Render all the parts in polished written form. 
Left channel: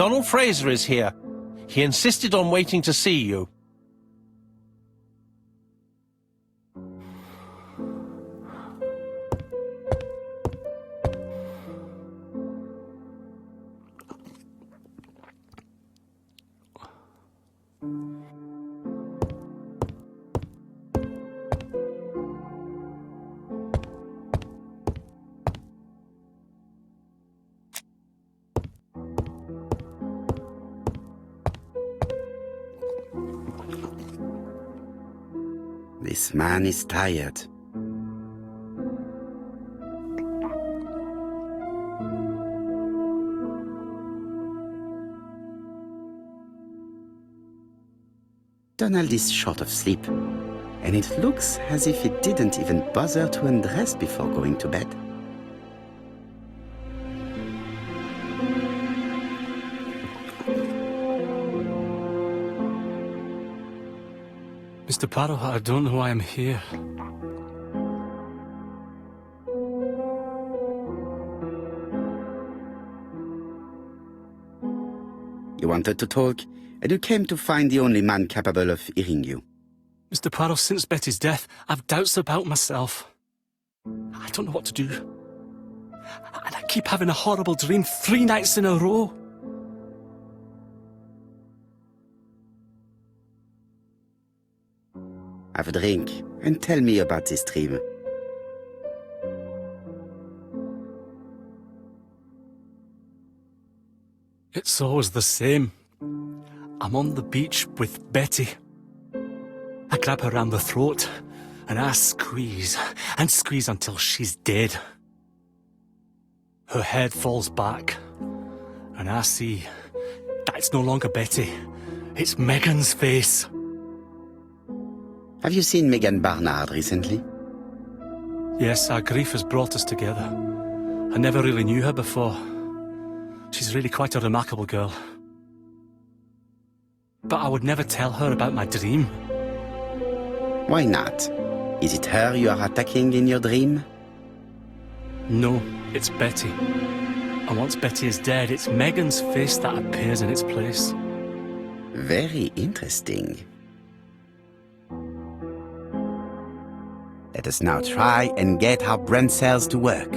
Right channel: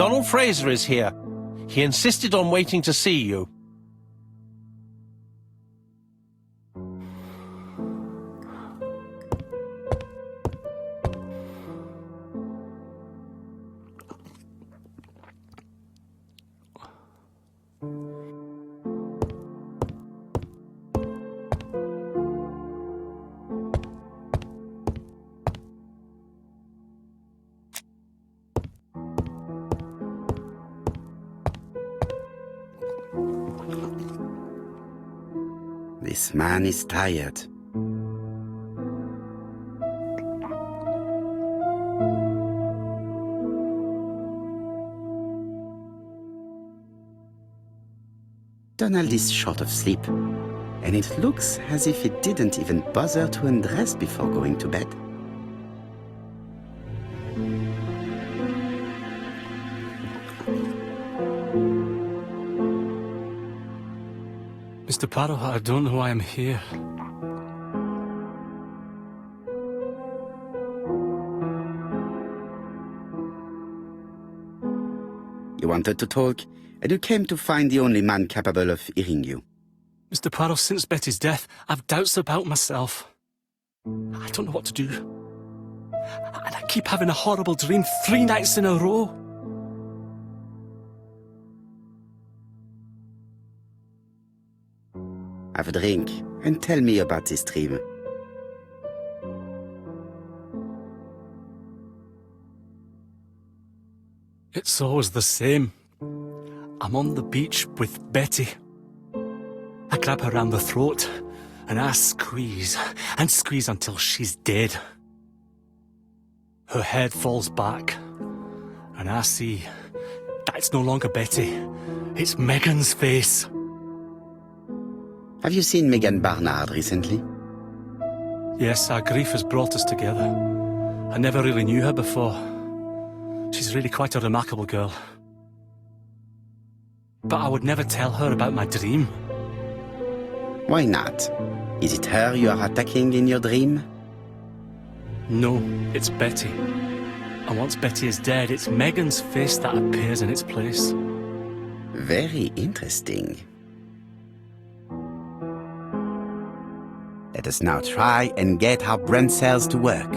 Donald Fraser is here. He insisted on waiting to see you. This man is tired. Donald is short of sleep, and it looks as if he didn't even bother to undress before going to bed. Mr. Poirot, I don't know why I'm here. You wanted to talk, and you came to find the only man capable of hearing you. Mr. Poirot, since Betty's death, I've doubts about myself. I don't know what to do. And I keep having a horrible dream 3 nights in a row. Have a drink, and tell me about this dream. It's always the same. I'm on the beach with Betty. I grab her round the throat, and I squeeze, and squeeze until she's dead. Her head falls back, and I see that it's no longer Betty. It's Megan's face. Have you seen Megan Barnard recently? Yes, our grief has brought us together. I never really knew her before. She's really quite a remarkable girl. But I would never tell her about my dream. Why not? Is it her you are attacking in your dream? No, it's Betty. And once Betty is dead, it's Megan's face that appears in its place. Very interesting. Let us now try and get our brain cells to work.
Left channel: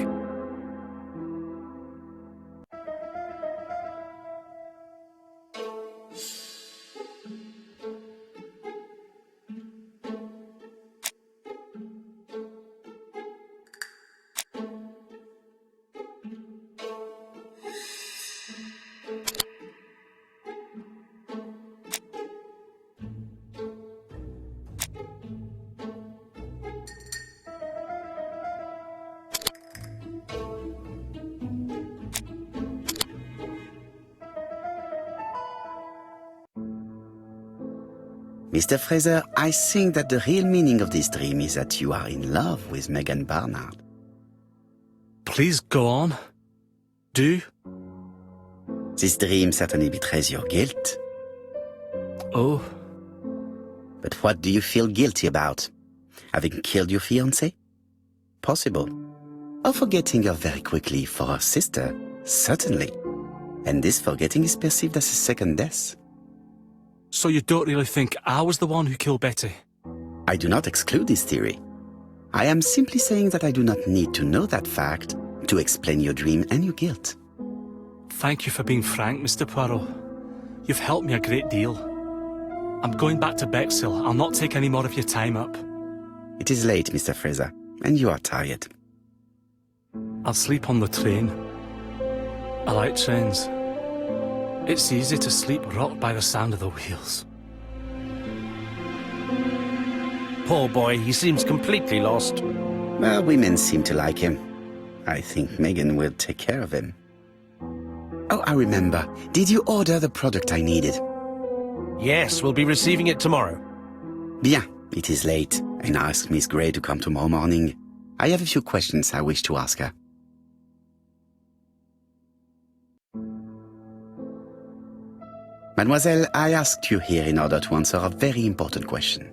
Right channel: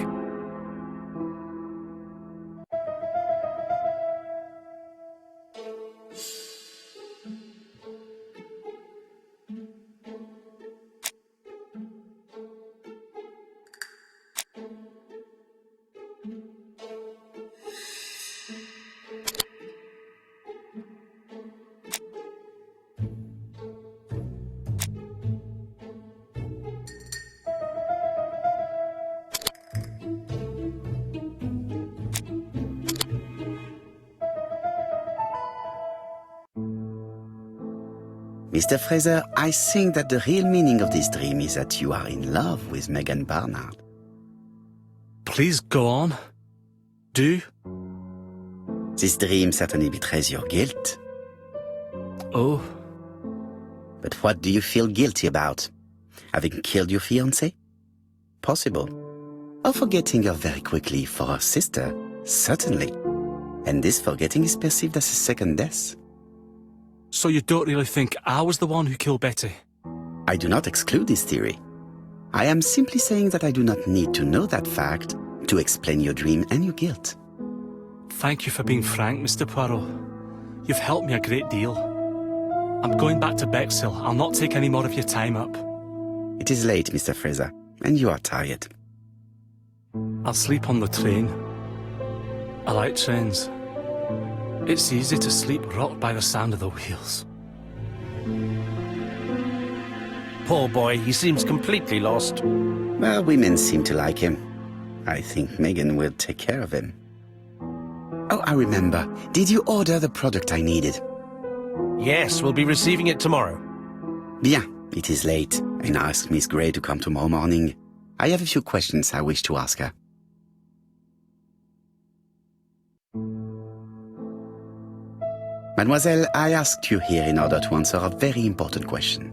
Mr. Fraser, I think that the real meaning of this dream is that you are in love with Megan Barnard. Please go on. Do. This dream certainly betrays your guilt. Oh. But what do you feel guilty about? Having killed your fiancé? Possible. Or forgetting her very quickly for her sister? Certainly. And this forgetting is perceived as a second death. So you don't really think I was the one who killed Betty? I do not exclude this theory. I am simply saying that I do not need to know that fact to explain your dream and your guilt. Thank you for being frank, Mr. Poirot. You've helped me a great deal. I'm going back to Bexhill. I'll not take any more of your time up. It is late, Mr. Fraser, and you are tired. I'll sleep on the train. I like trains. It's easy to sleep rocked by the sound of the wheels. Poor boy, he seems completely lost. Well, women seem to like him. I think Megan will take care of him. Oh, I remember. Did you order the product I needed? Yes, we'll be receiving it tomorrow. Bien, it is late, and I asked Miss Gray to come tomorrow morning. I have a few questions I wish to ask her. Mademoiselle, I asked you here in order to answer a very important question.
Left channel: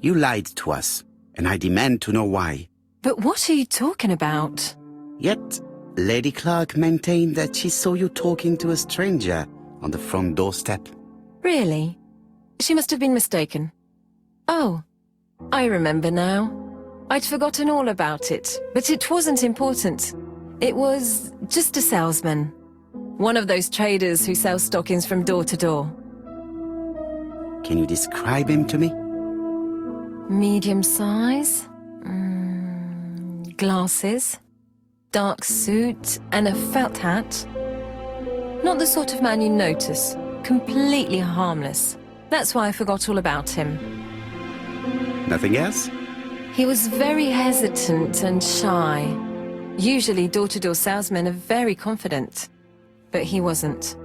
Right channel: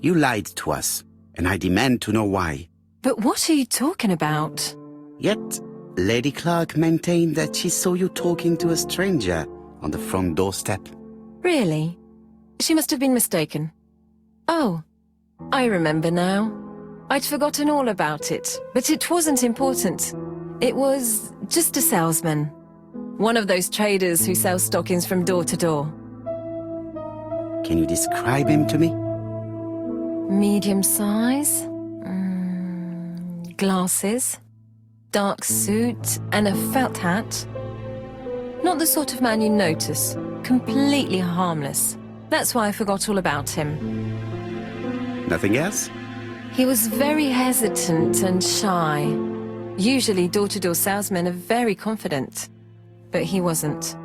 You lied to us, and I demand to know why. But what are you talking about? Yet, Lady Clark maintained that she saw you talking to a stranger on the front doorstep. Really? She must have been mistaken. Oh, I remember now. I'd forgotten all about it, but it wasn't important. It was just a salesman. One of those traders who sell stockings from door to door. Can you describe him to me? Medium size, glasses, dark suit, and a felt hat. Not the sort of man you notice. Completely harmless. That's why I forgot all about him. Nothing else? He was very hesitant and shy. Usually door-to-door salesmen are very confident, but he wasn't.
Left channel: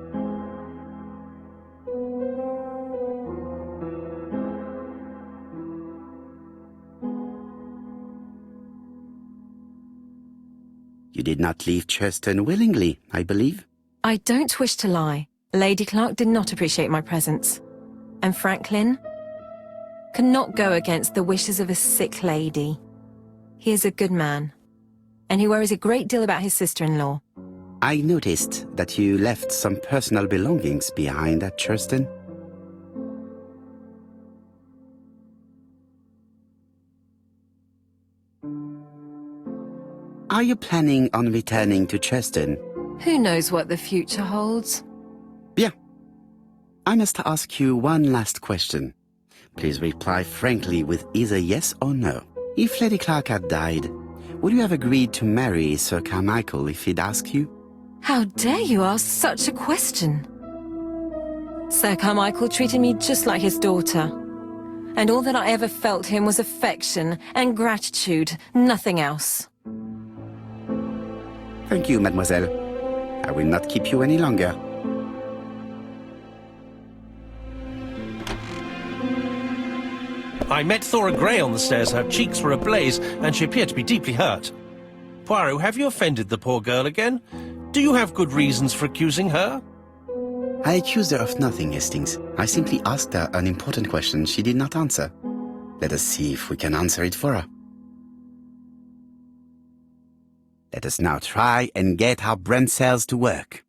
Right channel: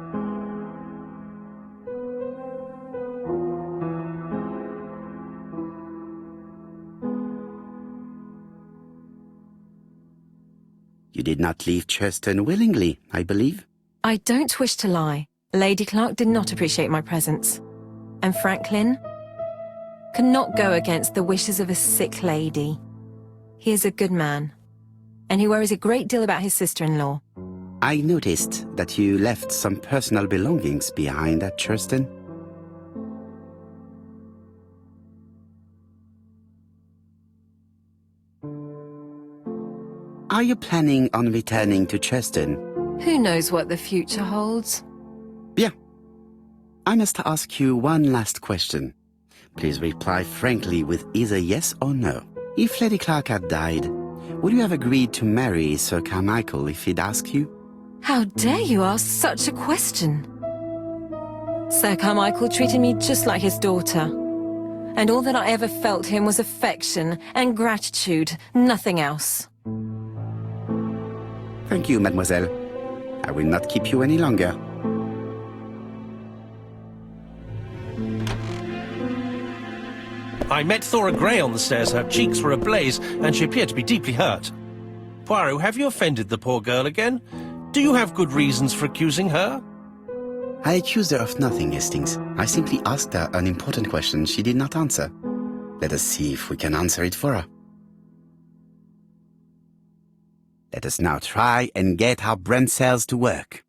You did not leave Churston willingly, I believe. I don't wish to lie. Lady Clark did not appreciate my presence. And Franklin cannot go against the wishes of a sick lady. He is a good man, and he worries a great deal about his sister-in-law. I noticed that you left some personal belongings behind at Churston. Are you planning on returning to Churston? Who knows what the future holds? Bien. I must ask you one last question. Please reply frankly with either yes or no. If Lady Clark had died, would you have agreed to marry Sir Carmichael if he'd asked you? How dare you ask such a question? Sir Carmichael treated me just like his daughter. And all that I ever felt him was affection and gratitude, nothing else. Thank you, mademoiselle. I will not keep you any longer. I met Thora Grey on the stairs. Her cheeks were ablaze, and she appeared to be deeply hurt. Poirot, have you offended the poor girl again? Do you have good reasons for accusing her? I accused her of nothing, Hastings. I simply asked her an important question she did not answer. Let us see if we can answer it for her. Let us now try and get our brain cells to work.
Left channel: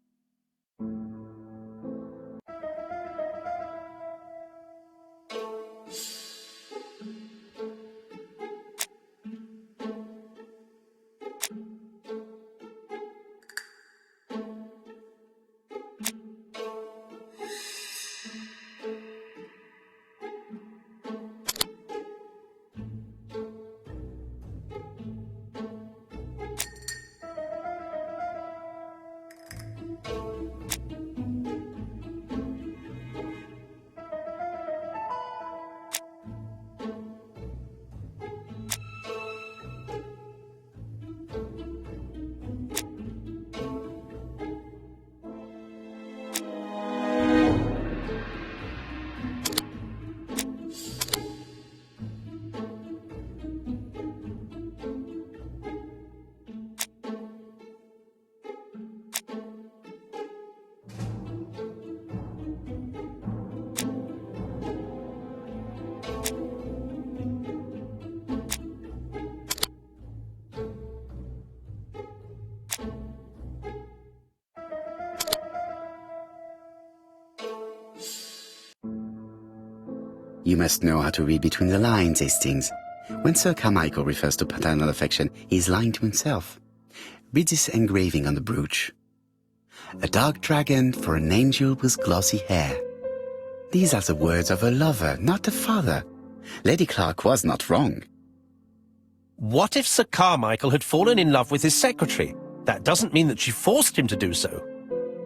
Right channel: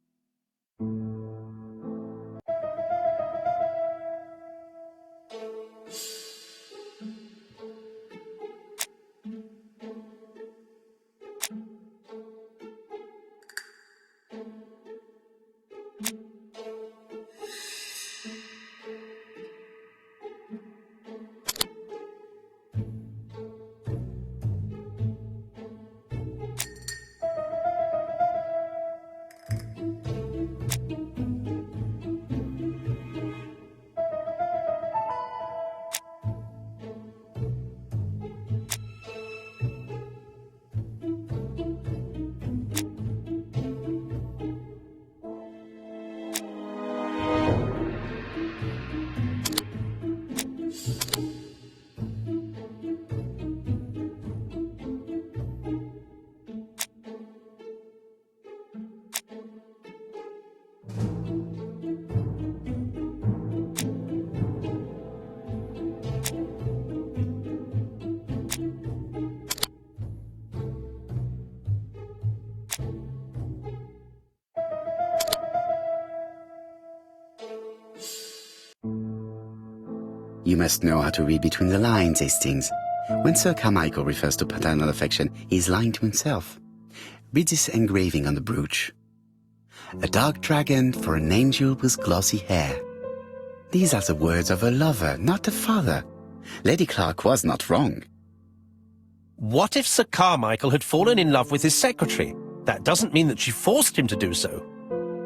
You must know how to read between the lines, Hastings. When Sir Carmichael refers to paternal affection, he is lying to himself. Read this engraving on the brooch. A dark dragon for an angel with glossy hair. These are the words of a lover, not a father. Lady Clark was not wrong. What if Sir Carmichael had fallen in love with his secretary? That doesn't mean that she forced him to do so.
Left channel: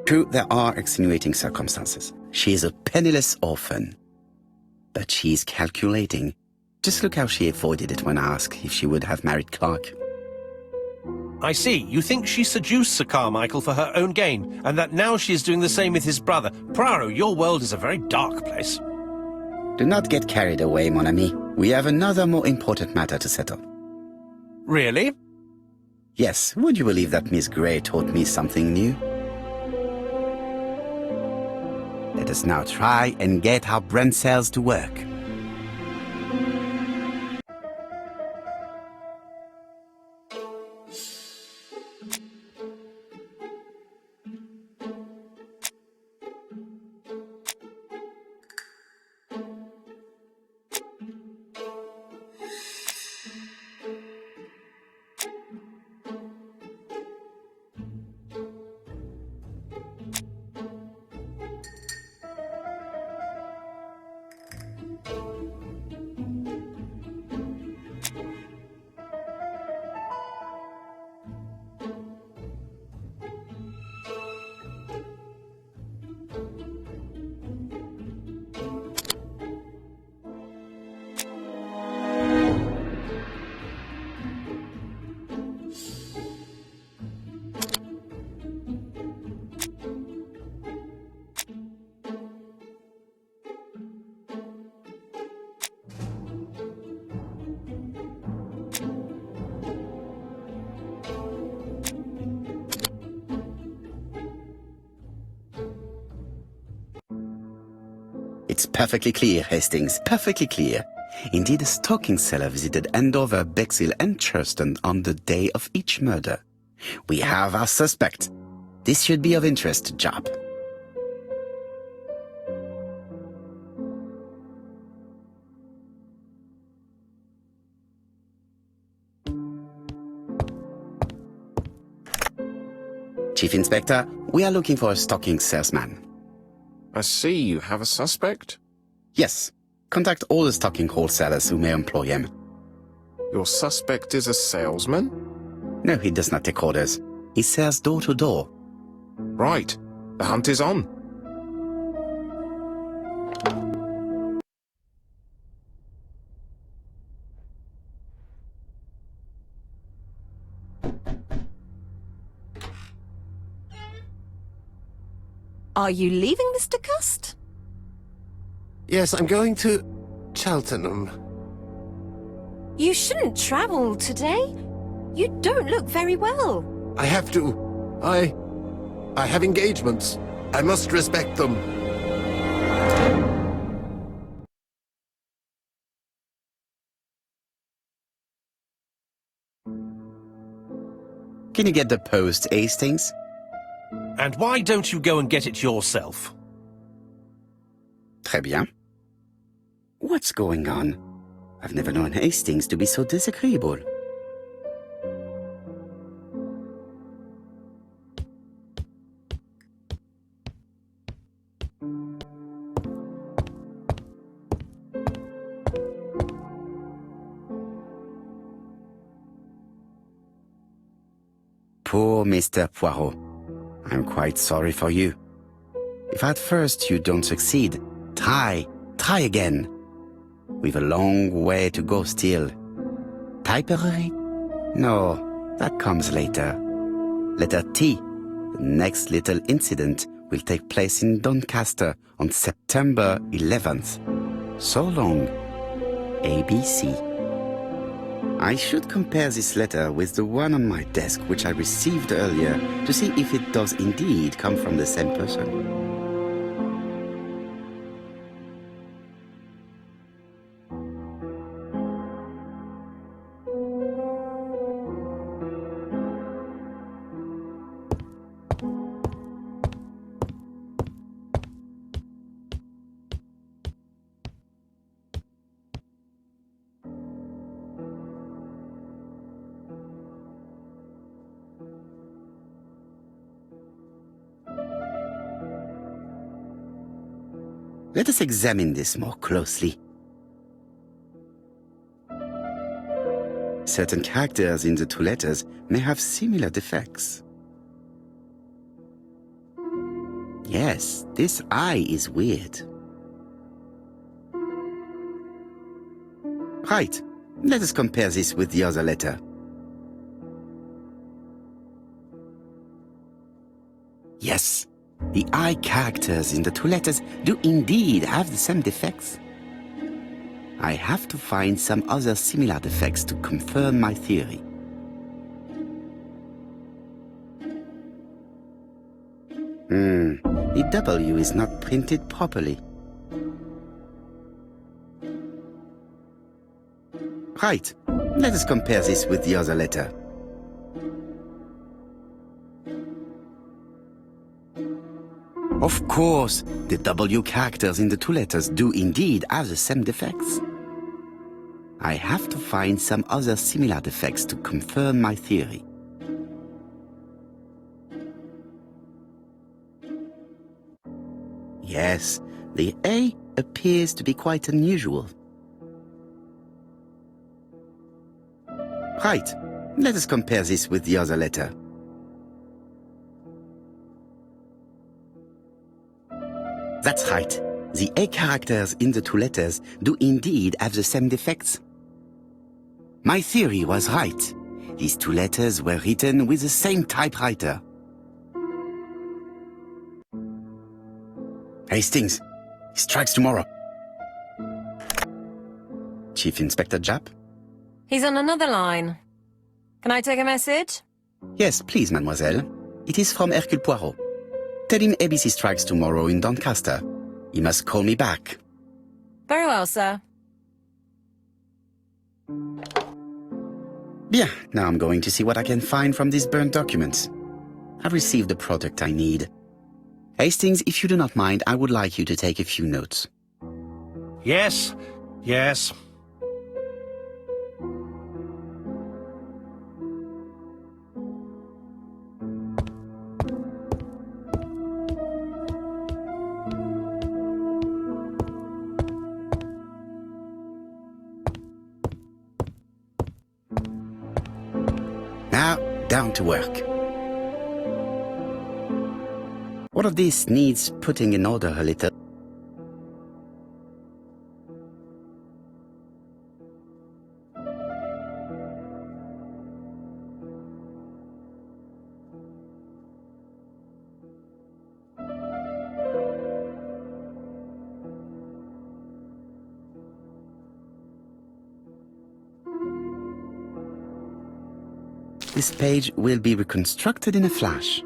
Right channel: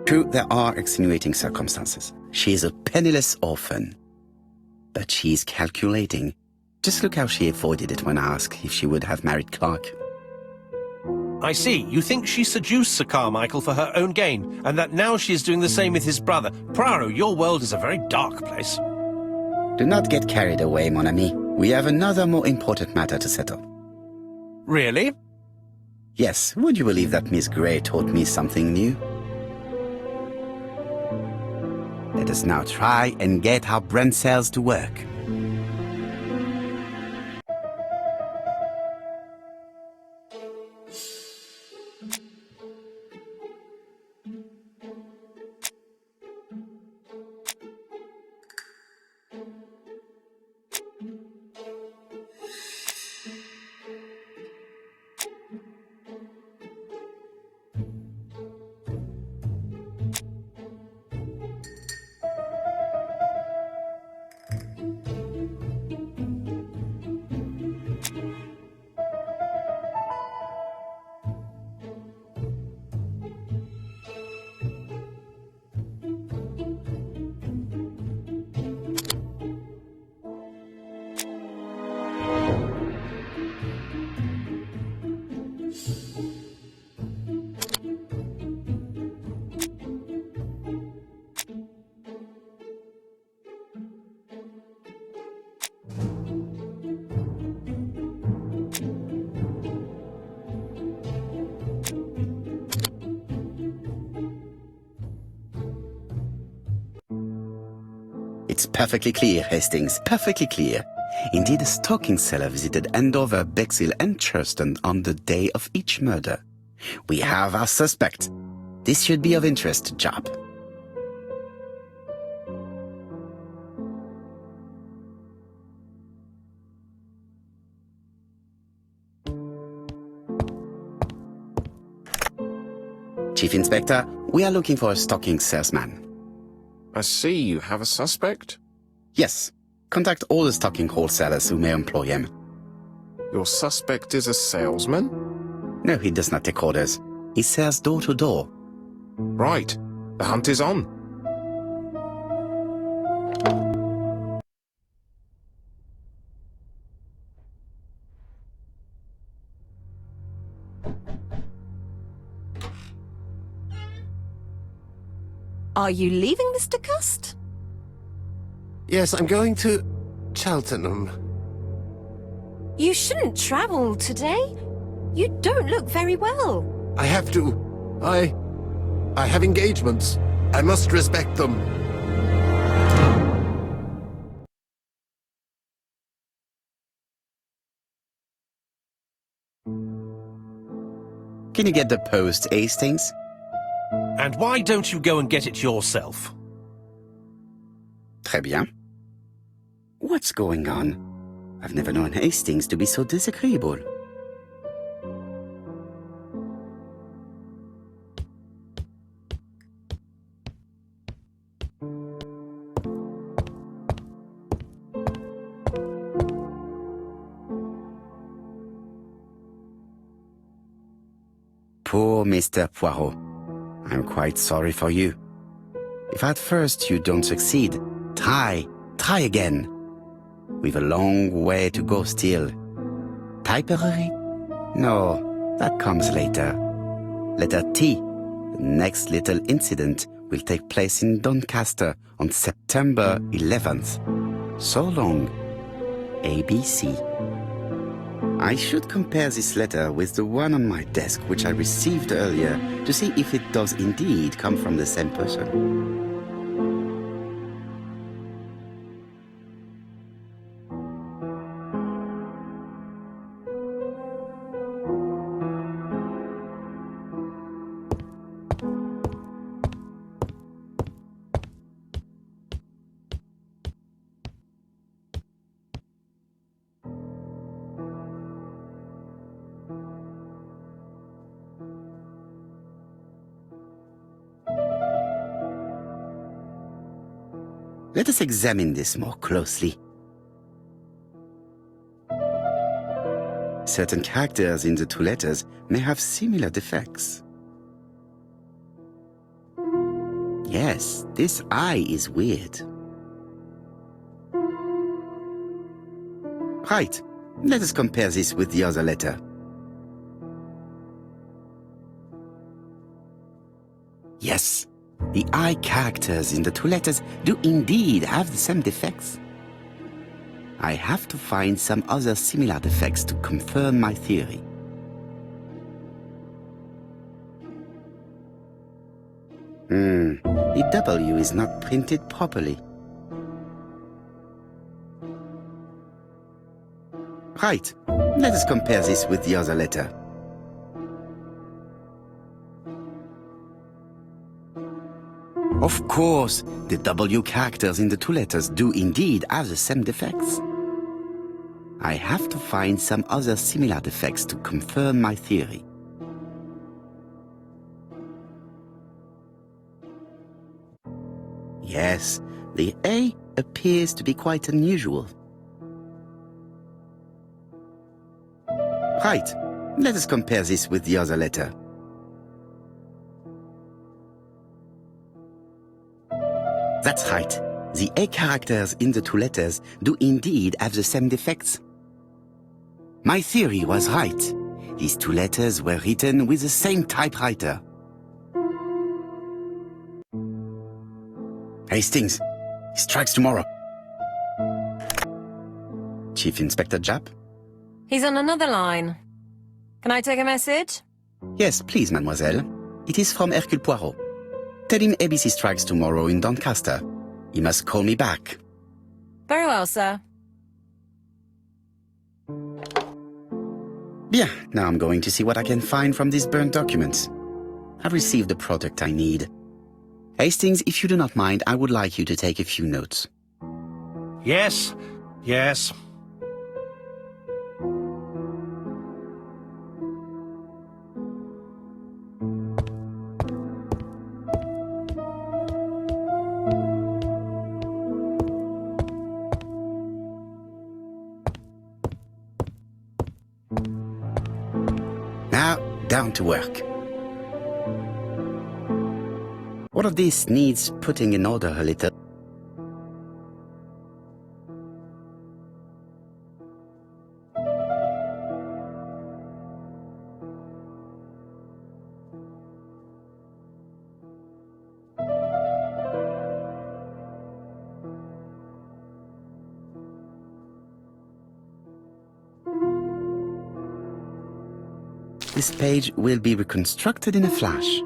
True, there are extenuating circumstances. She is a penniless orphan. But she is calculating. Just look how she avoided it when asked if she would have married Clark. I see. You think she seduced Sir Carmichael for her own gain, and that now she is doing the same with his brother. Poirot, your world is a very dark place. Do not get carried away, mon ami. We have another more important matter to settle. Really? Yes, would you believe that Miss Grey taught me something new? Let us now try and get our brain cells to work. It's perfectly clear, Hastings, perfectly clear. Indeed, a stalking seller visited Andover, Bexhill and Churston on the day of each murder. We have our suspect. This should be of interest, Job. Chief Inspector, we are looking for a stalking salesman. I see you have a suspect. Yes. Contact all the stalking wholesalers who may employ him. Your suspect is a salesman? No, he does not take orders. He sells door to door. Right. The hunt is on. Are you leaving, Mr. Cust? Yes, I'm going to Cheltenham. You shouldn't travel today. You don't look very well. I have to. I have engagements. I must respect them. Can you get the post, Hastings? And why don't you go and get it yourself? Très bien. What's going on? I've never known Hastings to be so disagreeable. Poor Mr. Poirot. I'm quite sorry for you. If at first you don't succeed, try again. We've a long way to go still. Typery? No, that comes later. Letter T. The next little incident will take place in Doncaster on September 11th. So long. ABC. I should compare this letter with the one on my desk which I received earlier to see if it does indeed come from the same person. Let us examine this more closely. Certain characters in the two letters may have similar defects. Yes, this I is weird. Right, let us compare this with the other letter. Yes. The I characters in the two letters do indeed have the same defects. I have to find some other similar defects to confirm my theory. The W is not printed properly. Right, let us compare this with the other letter. Of course, the W characters in the two letters do indeed have the same defects. I have to find some other similar defects to confirm my theory. Yes, the A appears to be quite unusual. Right, let us compare this with the other letter. That's right. The A characters in the two letters do indeed have the same defects. My theory was right. These two letters were written with the same typewriter. Hastings, he strikes tomorrow. Chief Inspector Japp? He's on another line. Can I take a message? Yes, please, mademoiselle. It is from Hercule Poirot. Tell him ABC strikes tomorrow in Doncaster. He must call me back. Very well, sir. Bien, now I'm going to see what I can find from these burnt documents. I've received the product I need. Hastings, if you do not mind, I would like you to take a few notes. Yes, yes. Now, down to work. All of this needs putting in order a little. This page will be reconstructed in a flash.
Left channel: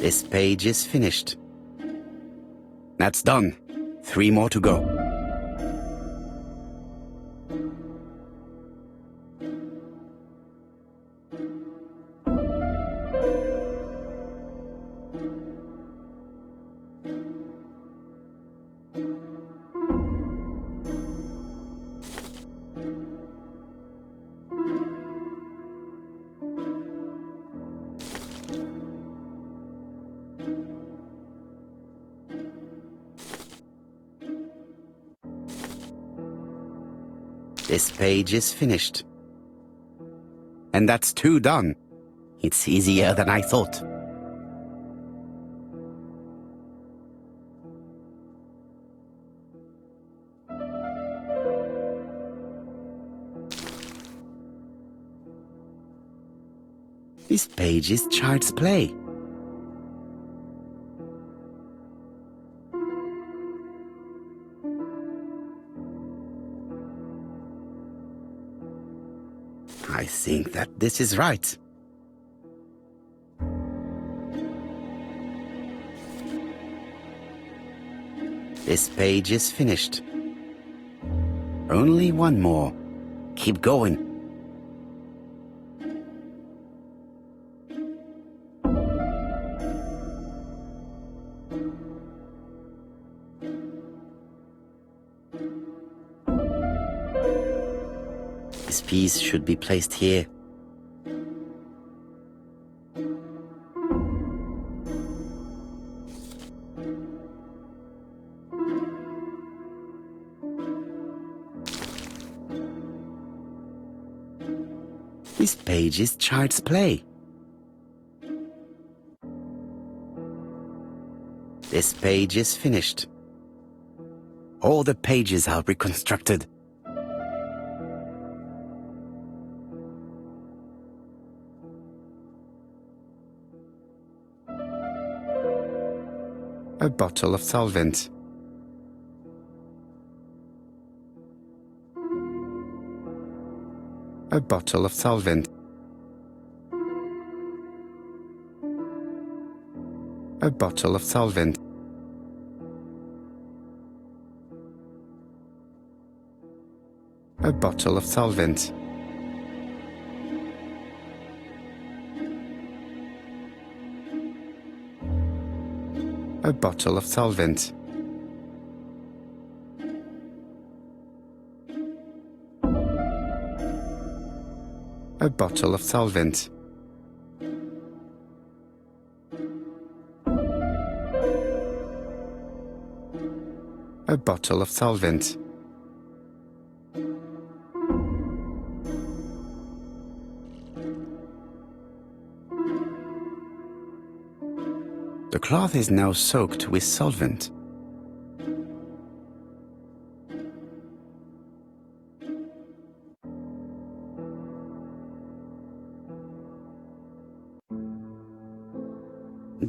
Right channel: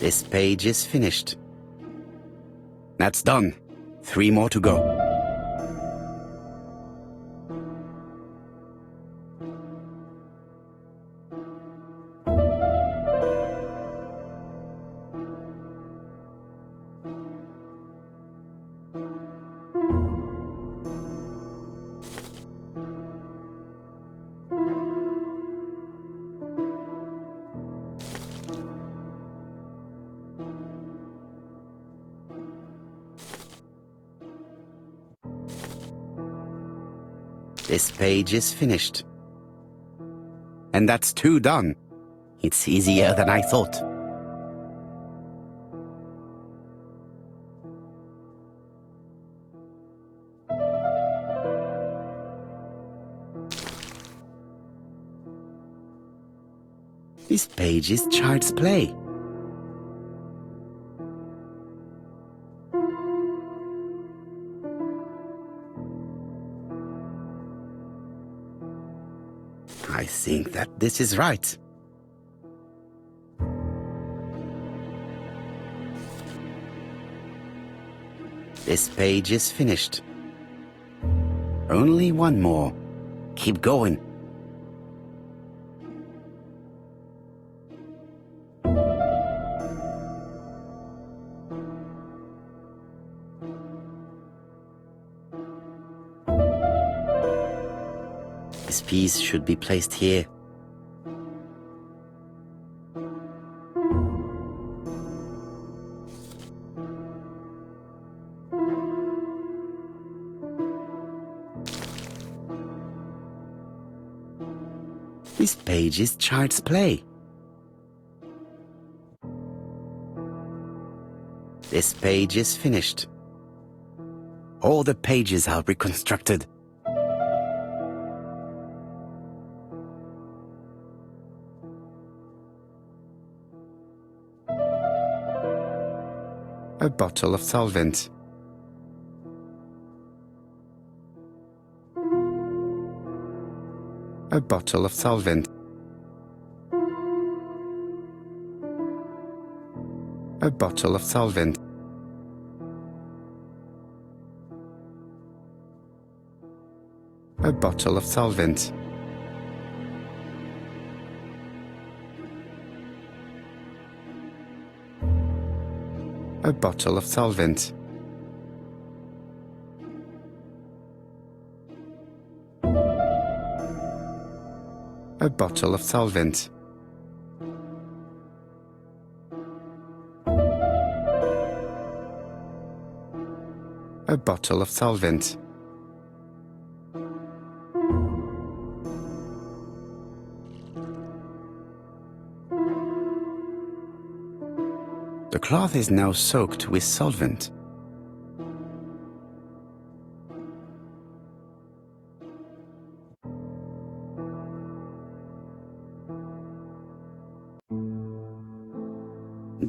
This page is finished. That's done. 3 more to go. This page is finished. And that's 2 done. It's easier than I thought. This page is child's play. I think that this is right. This page is finished. Only 1 more. Keep going. This piece should be placed here. This page is child's play. This page is finished. All the pages are reconstructed. A bottle of solvent. A bottle of solvent. A bottle of solvent. A bottle of solvent. A bottle of solvent. A bottle of solvent. A bottle of solvent. The cloth is now soaked with solvent.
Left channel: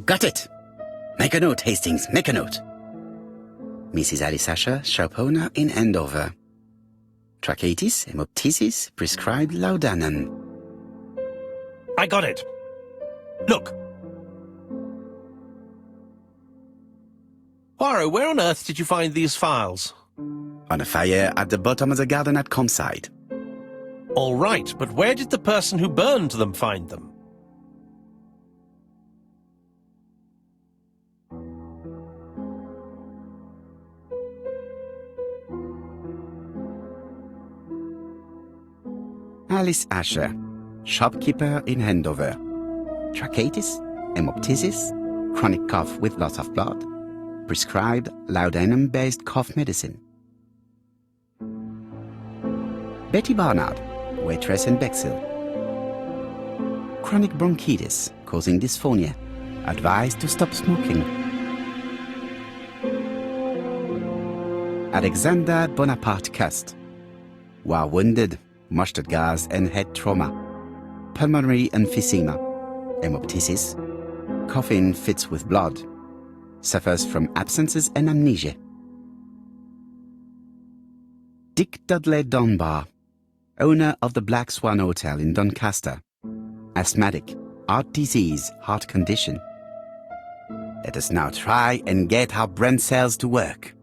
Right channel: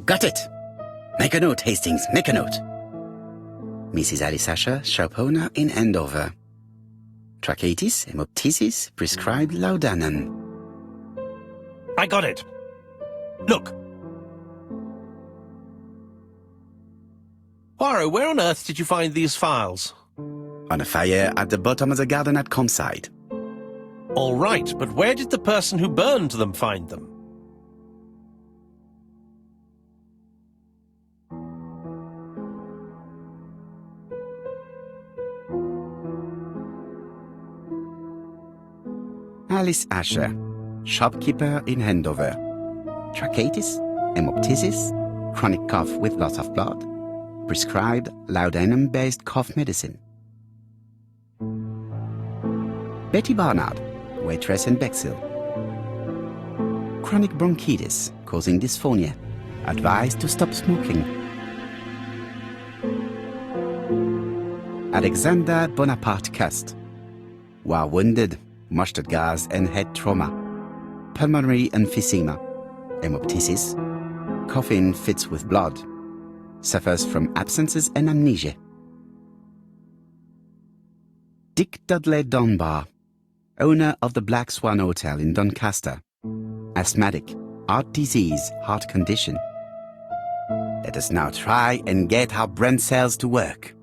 Got it! Make a note, Hastings, make a note. Mrs. Alice Asher, shop owner in Andover. Tracheitis, hemoptysis, prescribed laudanum. I got it. Look. Poirot, where on earth did you find these files? On a fire at the bottom of the garden at Campside. All right, but where did the person who burned them find them? Alice Asher, shopkeeper in Andover. Tracheitis, hemoptysis, chronic cough with loss of blood. Prescribed laudanum-based cough medicine. Betty Barnard, waitress in Bexhill. Chronic bronchitis causing dysphonia. Advised to stop smoking. Alexander Bonaparte Cust. War wounded, mustard gas and head trauma. Pulmonary emphysema. Hemoptysis. Coughing fits with blood. Suffers from absences and amnesia. Dick Dudley Dunbar, owner of the Black Swan Hotel in Doncaster. Asthmatic, heart disease, heart condition. Let us now try and get our brain cells to work.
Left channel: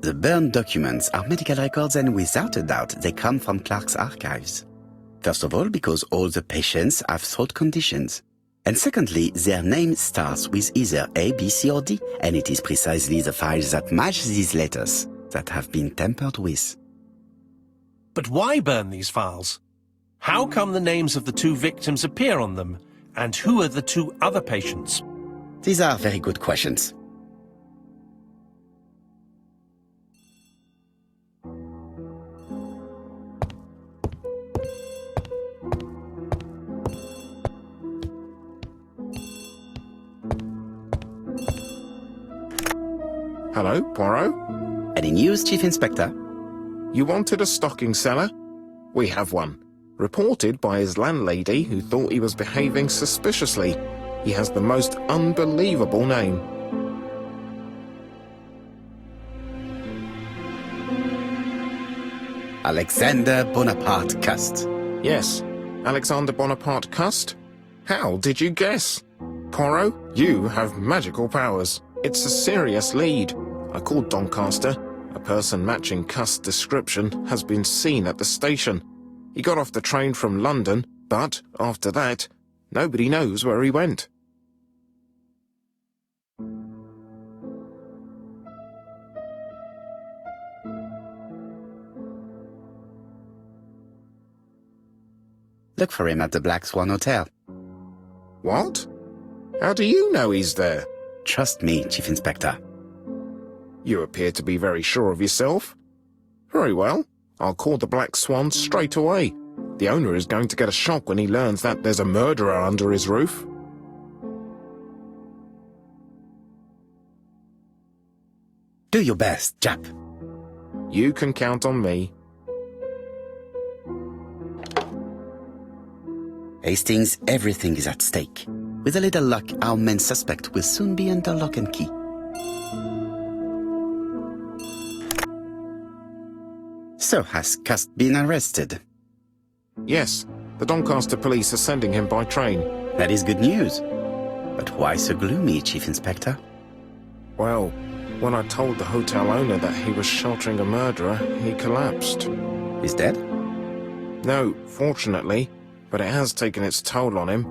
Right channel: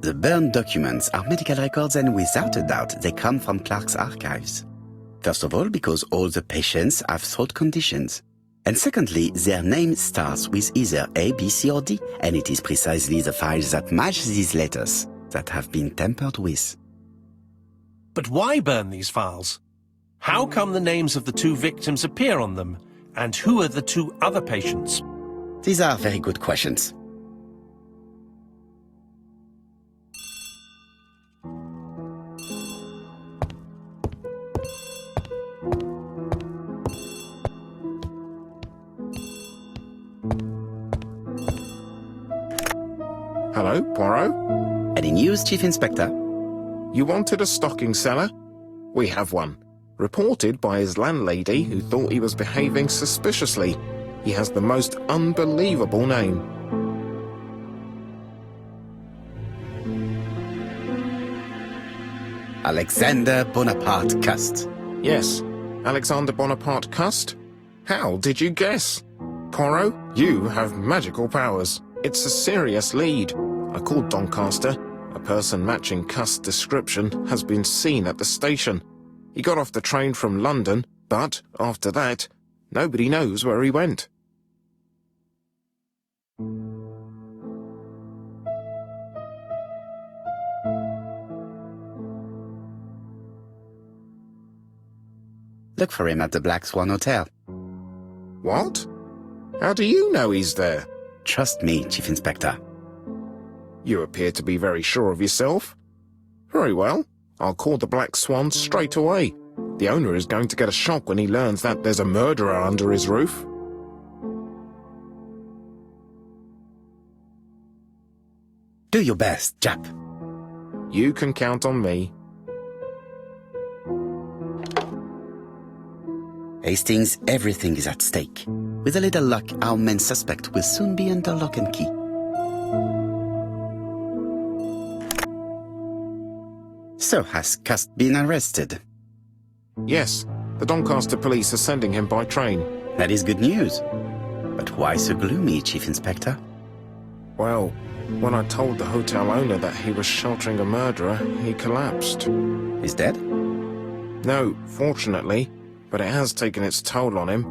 The burned documents are medical records, and without a doubt they come from Clark's archives. First of all, because all the patients have throat conditions. And secondly, their name starts with either A, B, C or D, and it is precisely the files that match these letters that have been tampered with. But why burn these files? How come the names of the two victims appear on them? And who are the two other patients? These are very good questions. Hello, Poirot? Any news, Chief Inspector? You wanted a stocking seller? We have one. Reported by his landlady, who thought he was behaving suspiciously. He has the most unbelievable name. Alexander Bonaparte Cust. Yes, Alexander Bonaparte Cust? How did you guess? Poirot, you have magical powers. It's a serious lead. I called Doncaster. A person matching Cust's description has been seen at the station. He got off the train from London, but after that, nobody knows where he went. Look for him at the Black Swan Hotel. What? How do you know he's there? Trust me, Chief Inspector. You appear to be very sure of yourself. Very well. I'll call the Black Swan straight away. The owner is going to get a shock when he learns that there's a murderer under his roof. Do your best, Jap. You can count on me. Hastings, everything is at stake. With a little luck, our main suspect will soon be under lock and key. So, has Cust been arrested? Yes, the Doncaster police are sending him by train. That is good news. But why so gloomy, Chief Inspector? Well, When I told the hotel owner that he was sheltering a murderer, he collapsed. He's dead? No, fortunately, but it has taken its toll on him.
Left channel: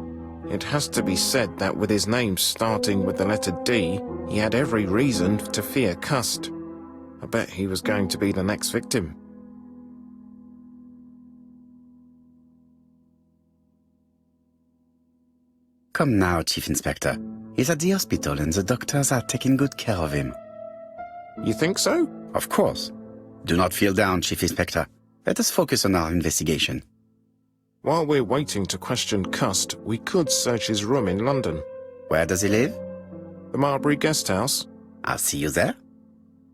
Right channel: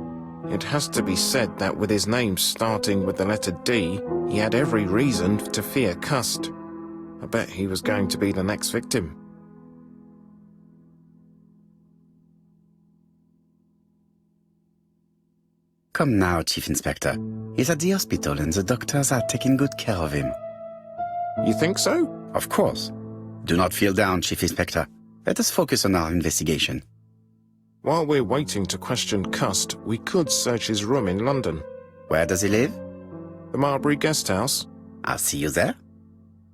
It has to be said that with his name starting with the letter D, he had every reason to fear Cust. I bet he was going to be the next victim. Come now, Chief Inspector. He's at the hospital and the doctors are taking good care of him. You think so? Of course. Do not feel down, Chief Inspector. Let us focus on our investigation. While we're waiting to question Cust, we could search his room in London. Where does he live? The Marbury Guest House? I'll see you there.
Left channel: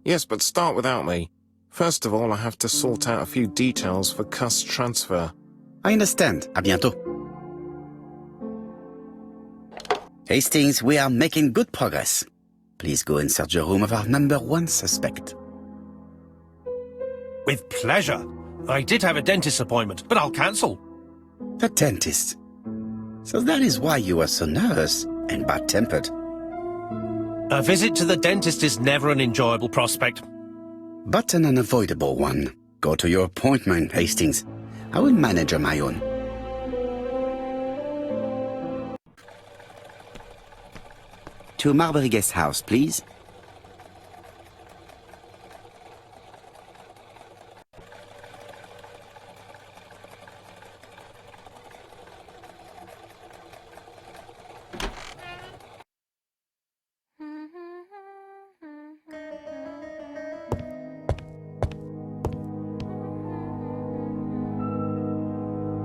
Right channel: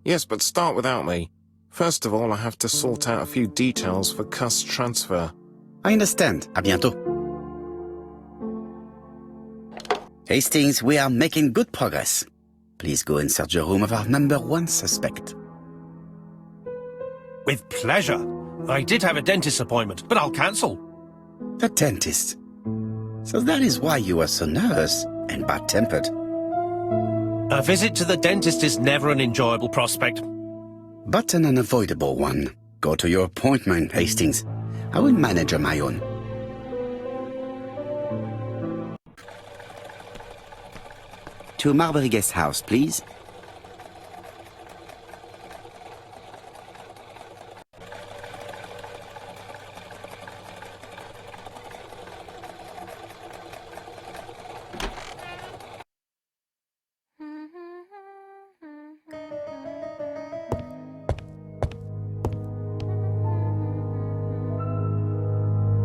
Yes, but start without me. First of all, I have to sort out a few details for Cust's transfer. I understand. À bientôt. Hastings, we are making good progress. Please go and search the room of our number 1 suspect. With pleasure. I did have a dentist appointment, but I'll cancel. The dentist. So that is why you were so nervous and bad-tempered. A visit to the dentist is never an enjoyable prospect. But an unavoidable one. Go to your appointment, Hastings. I will manage on my own. To Marbury Guest House, please.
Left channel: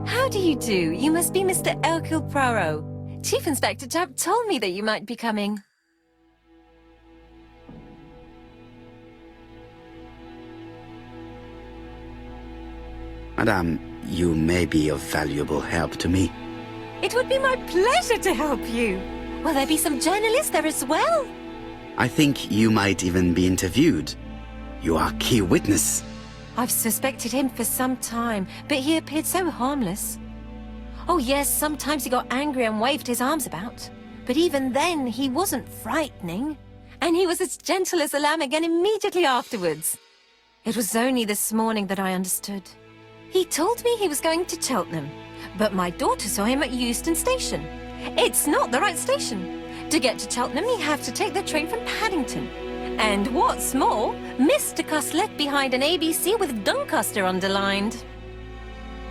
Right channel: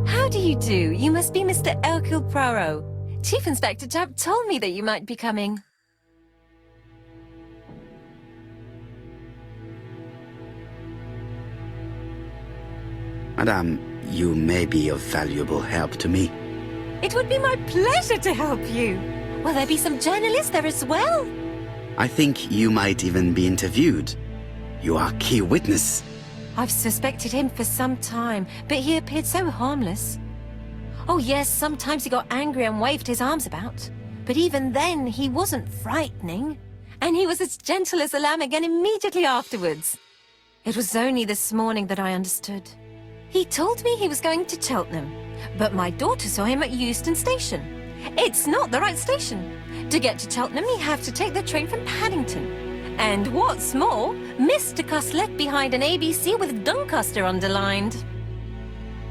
How do you do? You must be Mr. Hercule Poirot. Chief Inspector Japp told me that you might be coming. Madame, you may be of valuable help to me. It would be my pleasure to help you. Will there be some journalists there as well? I think you might even be interviewed. You are key witness. I've suspected him for some time, but he appeared so harmless. Oh yes, sometimes he got angry and waved his arms about. But even then, he wasn't frightening. And he was as gentle as a lamb again immediately afterwards. It was only this morning that I understood. He told me he was going to Cheltenham, but my daughter saw him at Euston Station. It's not the right station. To get to Cheltenham, you have to take the train from Paddington. And what's more, Mr. Cust left behind an ABC with Doncaster underlined.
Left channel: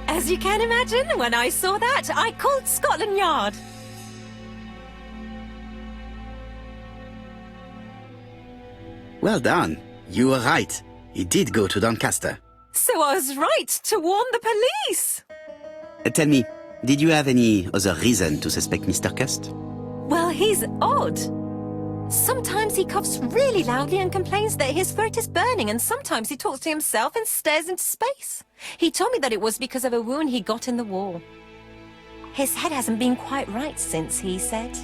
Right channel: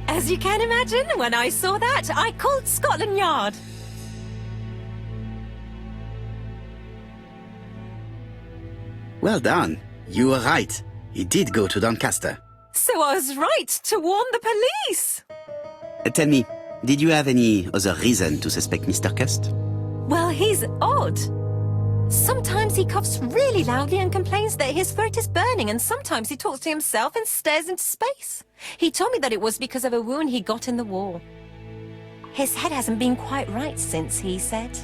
As you can imagine, when I saw that, I called Scotland Yard. Well done. You were right. He did go to Doncaster. So I was right to warn the police. Tell me, did you have any other reason to suspect Mr. Cust? Well, he's odd. Sometimes he coughs really loudly and complains that his throat is burning, and sometimes he talks to himself and stares into space. He told me that it was because of a wound he got in the wall. His head hasn't been quite right since, he said.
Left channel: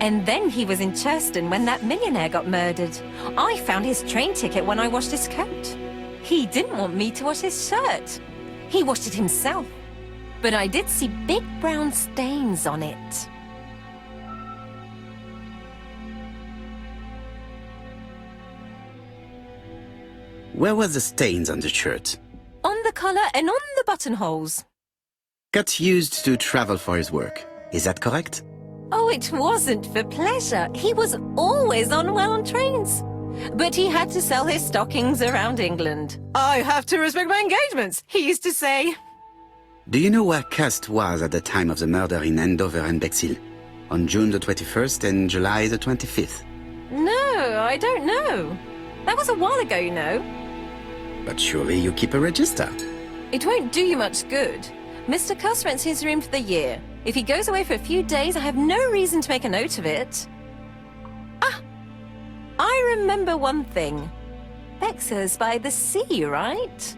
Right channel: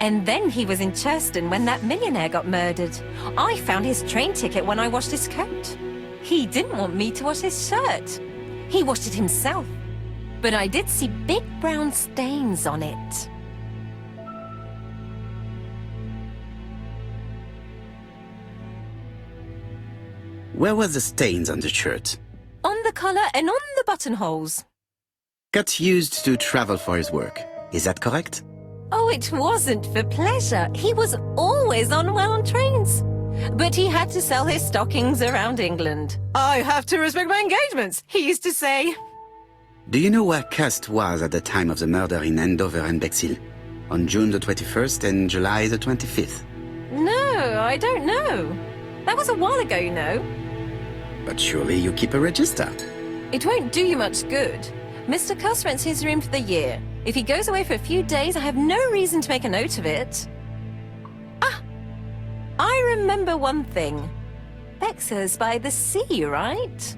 And then he was in Churston when that millionaire got murdered. I found his train ticket when I washed his coat. He didn't want me to wash his shirt. He washed it himself. But I did see big brown stains on it. Where were the stains on the shirt? On the collar and on the buttonholes. Cut used to travel for his work. Is that correct? Oh, it wasn't for pleasure. He was always unwell on trains. But he had to sell his stockings around England. I have to respect my engagements, he used to say. Do you know where Cust was at the time of the murder in Andover and Bexhill? On June the 21st and July the 25th? No, I don't know. That was a while ago, you know. But surely you keep a register. It won't do you much good. Mr. Cust rents his room for the year. If he goes away for a few days, I have no reason to make a note of it. Ah! I remember one thing. Bexhill's by the sea, right?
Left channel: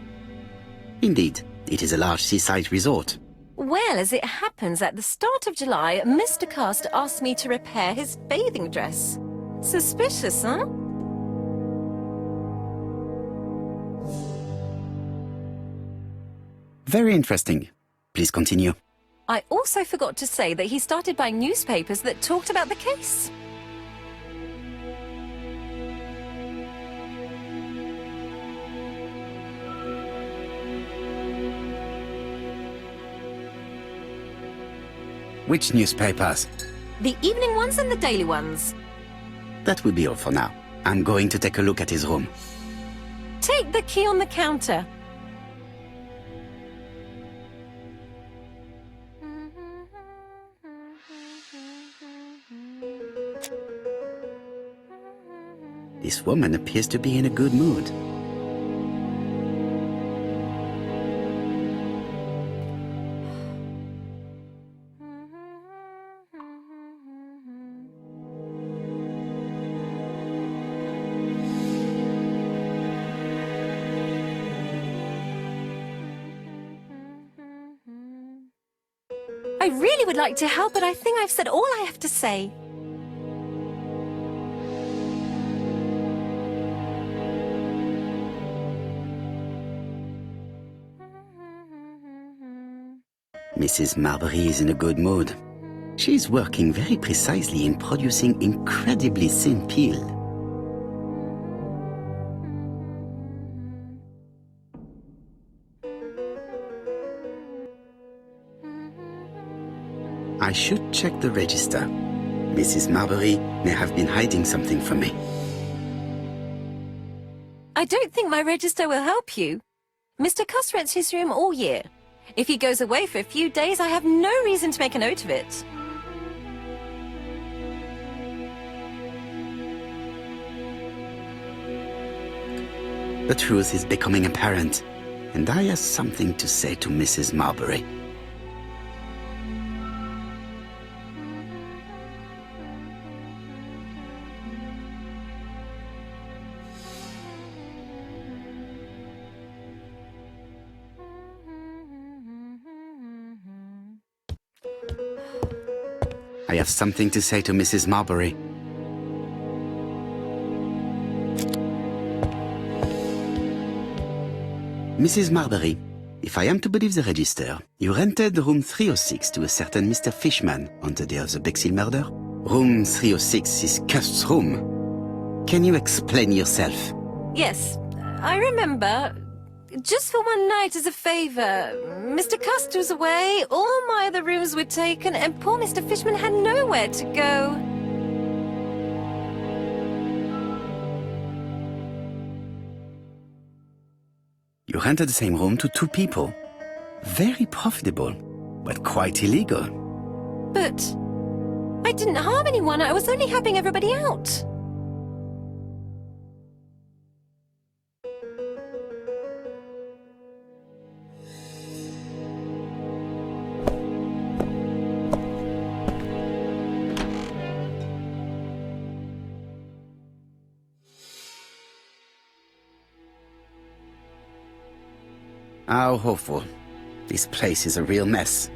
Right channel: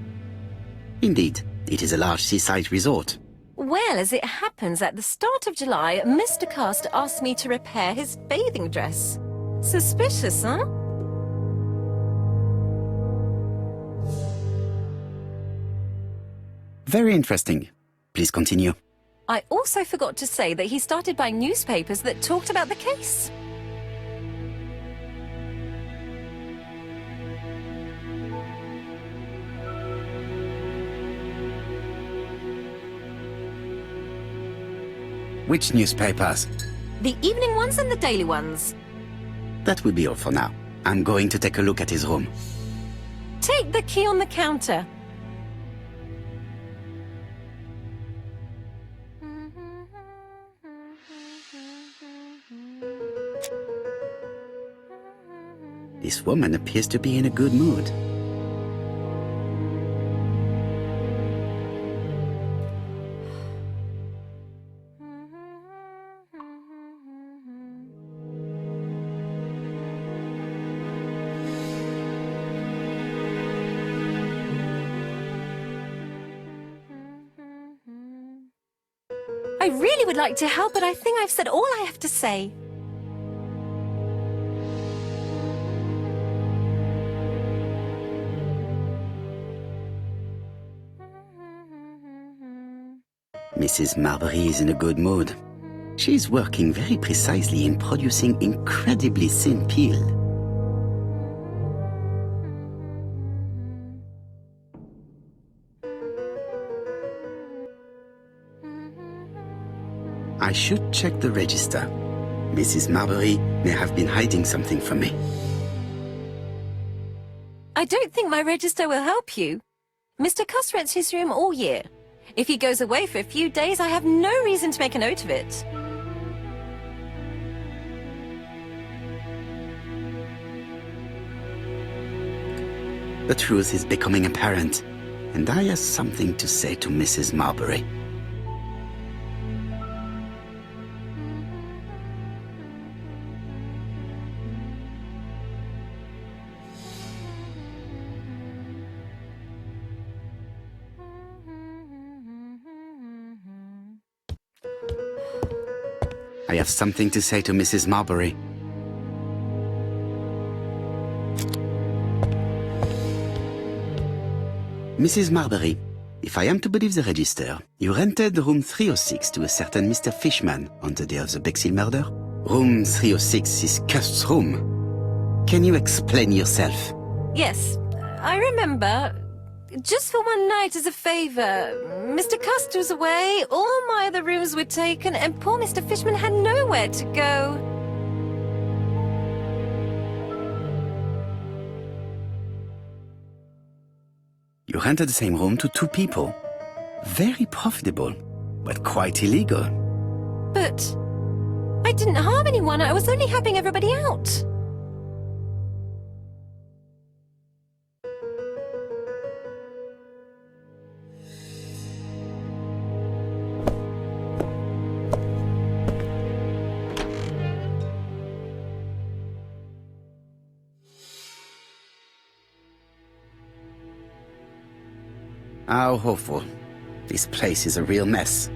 Indeed. It is a large seaside resort. Well, as it happens, at the start of July, Mr. Cust asked me to repair his bathing dress. Suspicious, huh? Very interesting. Please continue. I also forgot to say that he started buying newspapers that talked about the case. Which newspapers? The evening ones and the daily ones. That will be all for now. I'm going to take a look at his room. Take the key on the counter. This woman appears to be in a good mood. I really would like to help, but I think I've said all I have to say. Mrs. Marbury is in a good mood. She's working very precisely in producing incredibly thin peel. I should check the register. Mrs. Marbury may have been hiding something from me. I don't think my register will help you. Mr. Cuss rents his room all year. If he goes away for a few days, I have no reason to make a note of it. The truth is becoming apparent, and I have something to say to Mrs. Marbury. I have something to say to Mrs. Marbury. Mrs. Marbury, if I am to believe the register, you rented room 306 to a certain Mr. Fishman on the day of the Bexhill murder. Room 306 is Cust's room. Can you explain yourself? Yes, I remember. Just for one night as a favor. Mr. Cust was away, all my other rooms were taken, and poor Mr. Fishman had nowhere to go. You rented the same room to two people. Very profitable, but quite illegal. But I didn't harm anyone, I was only helping everybody out. How awful. This place is a real mess.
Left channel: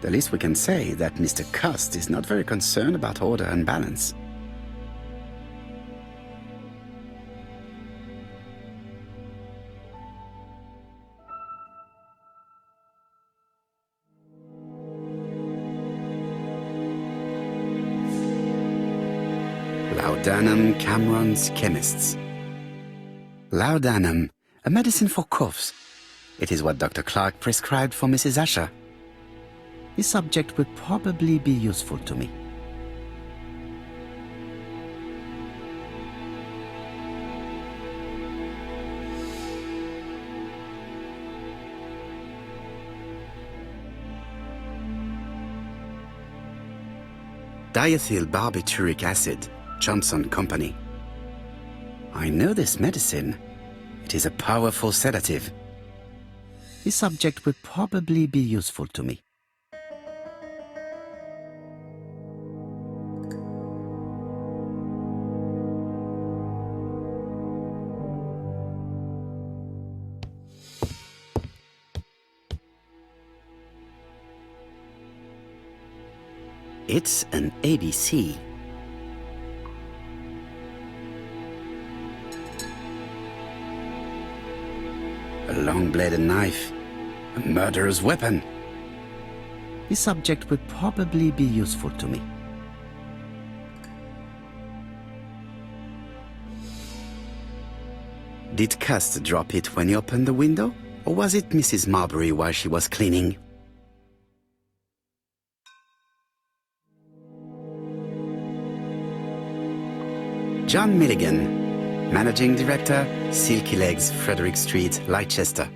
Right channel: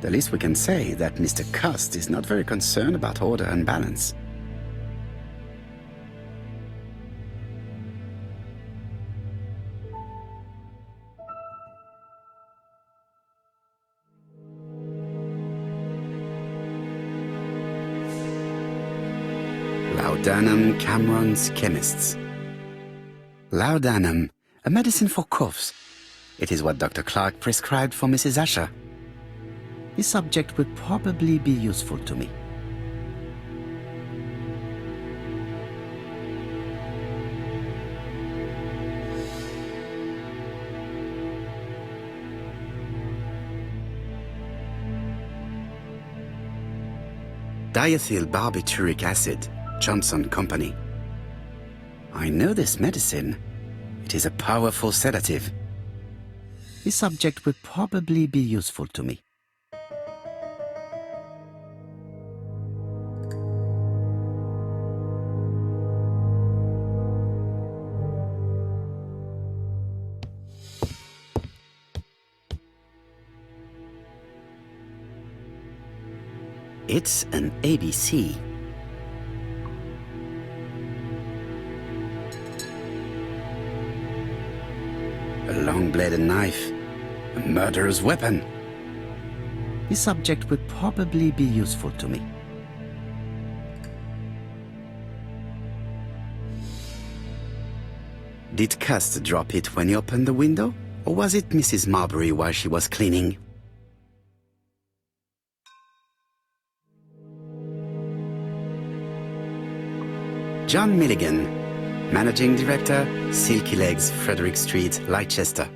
The least we can say is that Mr. Cust is not very concerned about order and balance. Laudanum Cameron's Chemists. Laudanum, a medicine for coughs. It is what Dr. Clark prescribed for Mrs. Asher. This subject would probably be useful to me. Diethyl barbituric acid, Johnson Company. I know this medicine. It is a powerful sedative. This subject would probably be useful to me. It's an ABC. A long-bladed knife. A murderer's weapon. This subject would probably be useful to me. Did Cust drop it when he opened the window? Or was it Mrs. Marbury while she was cleaning? John Milligan, Managing Director, Silky Legs, Frederick Street, Leicester.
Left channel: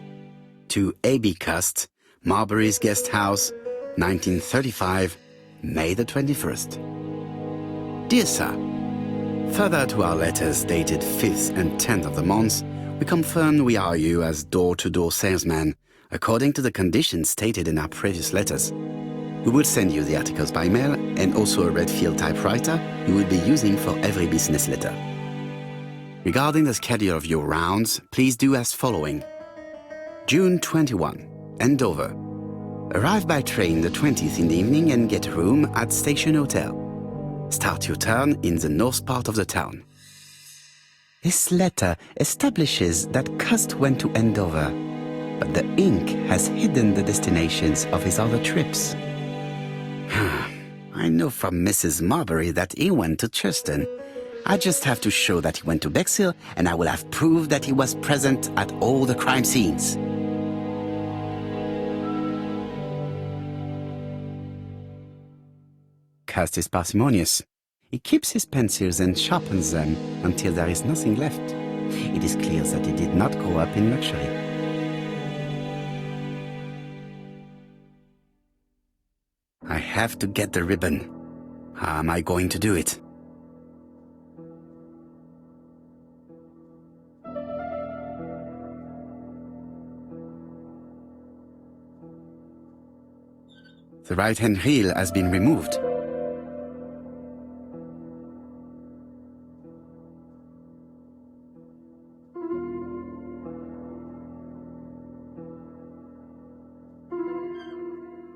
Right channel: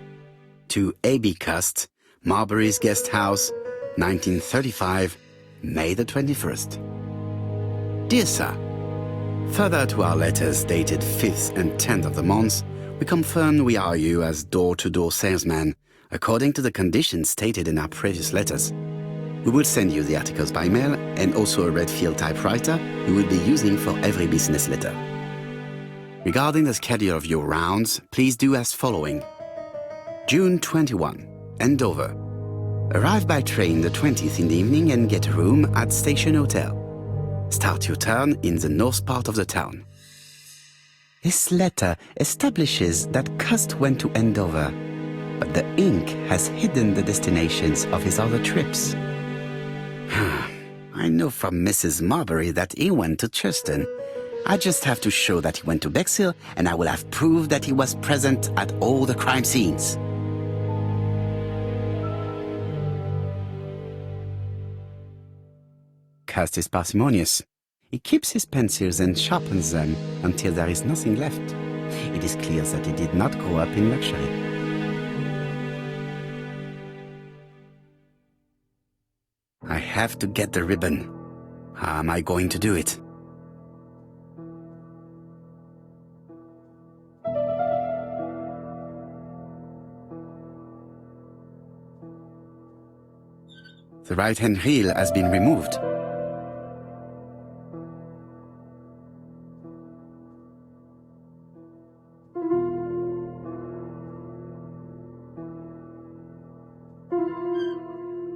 To A.B. Cust, Marbury's Guest House, 1935, May the 21st. Dear Sir, further to our letters dated 5th and 10th of the month, we confirm we are you as door-to-door salesman, according to the conditions stated in our previous letters. We will send you the articles by mail and also a Redfield typewriter you will be using for every business letter. Regarding the schedule of your rounds, please do as following. June 21, Andover. Arrive by train the 20th in the evening and get a room at Station Hotel. Start your turn in the north part of the town. This letter establishes that Cust went to Andover, but the ink has hidden the destinations of his other trips. I know from Mrs. Marbury that he went to Churston. I just have to show that he went to Bexhill, and I will have proved that he was present at all the crime scenes. Cust is parsimonious. He keeps his pencils and sharpens them until there is nothing left. It is clear that he did not grow up in luxury. I have to get the ribbon. How am I going to do it? The right-hand heel has been removed.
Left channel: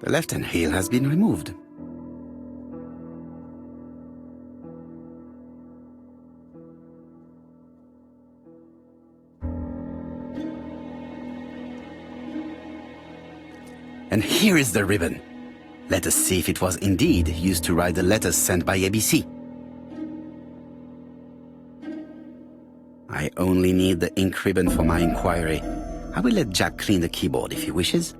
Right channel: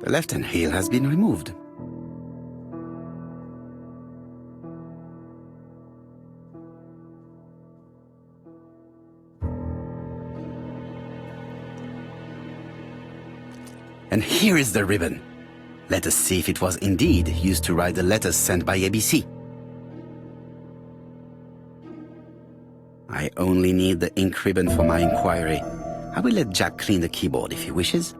The left-hand heel has been removed. And here is the ribbon. Let us see if it was indeed used to write the letters sent by ABC. I only need the ink ribbon for my inquiry. I will let Jack clean the keyboard if he wishes.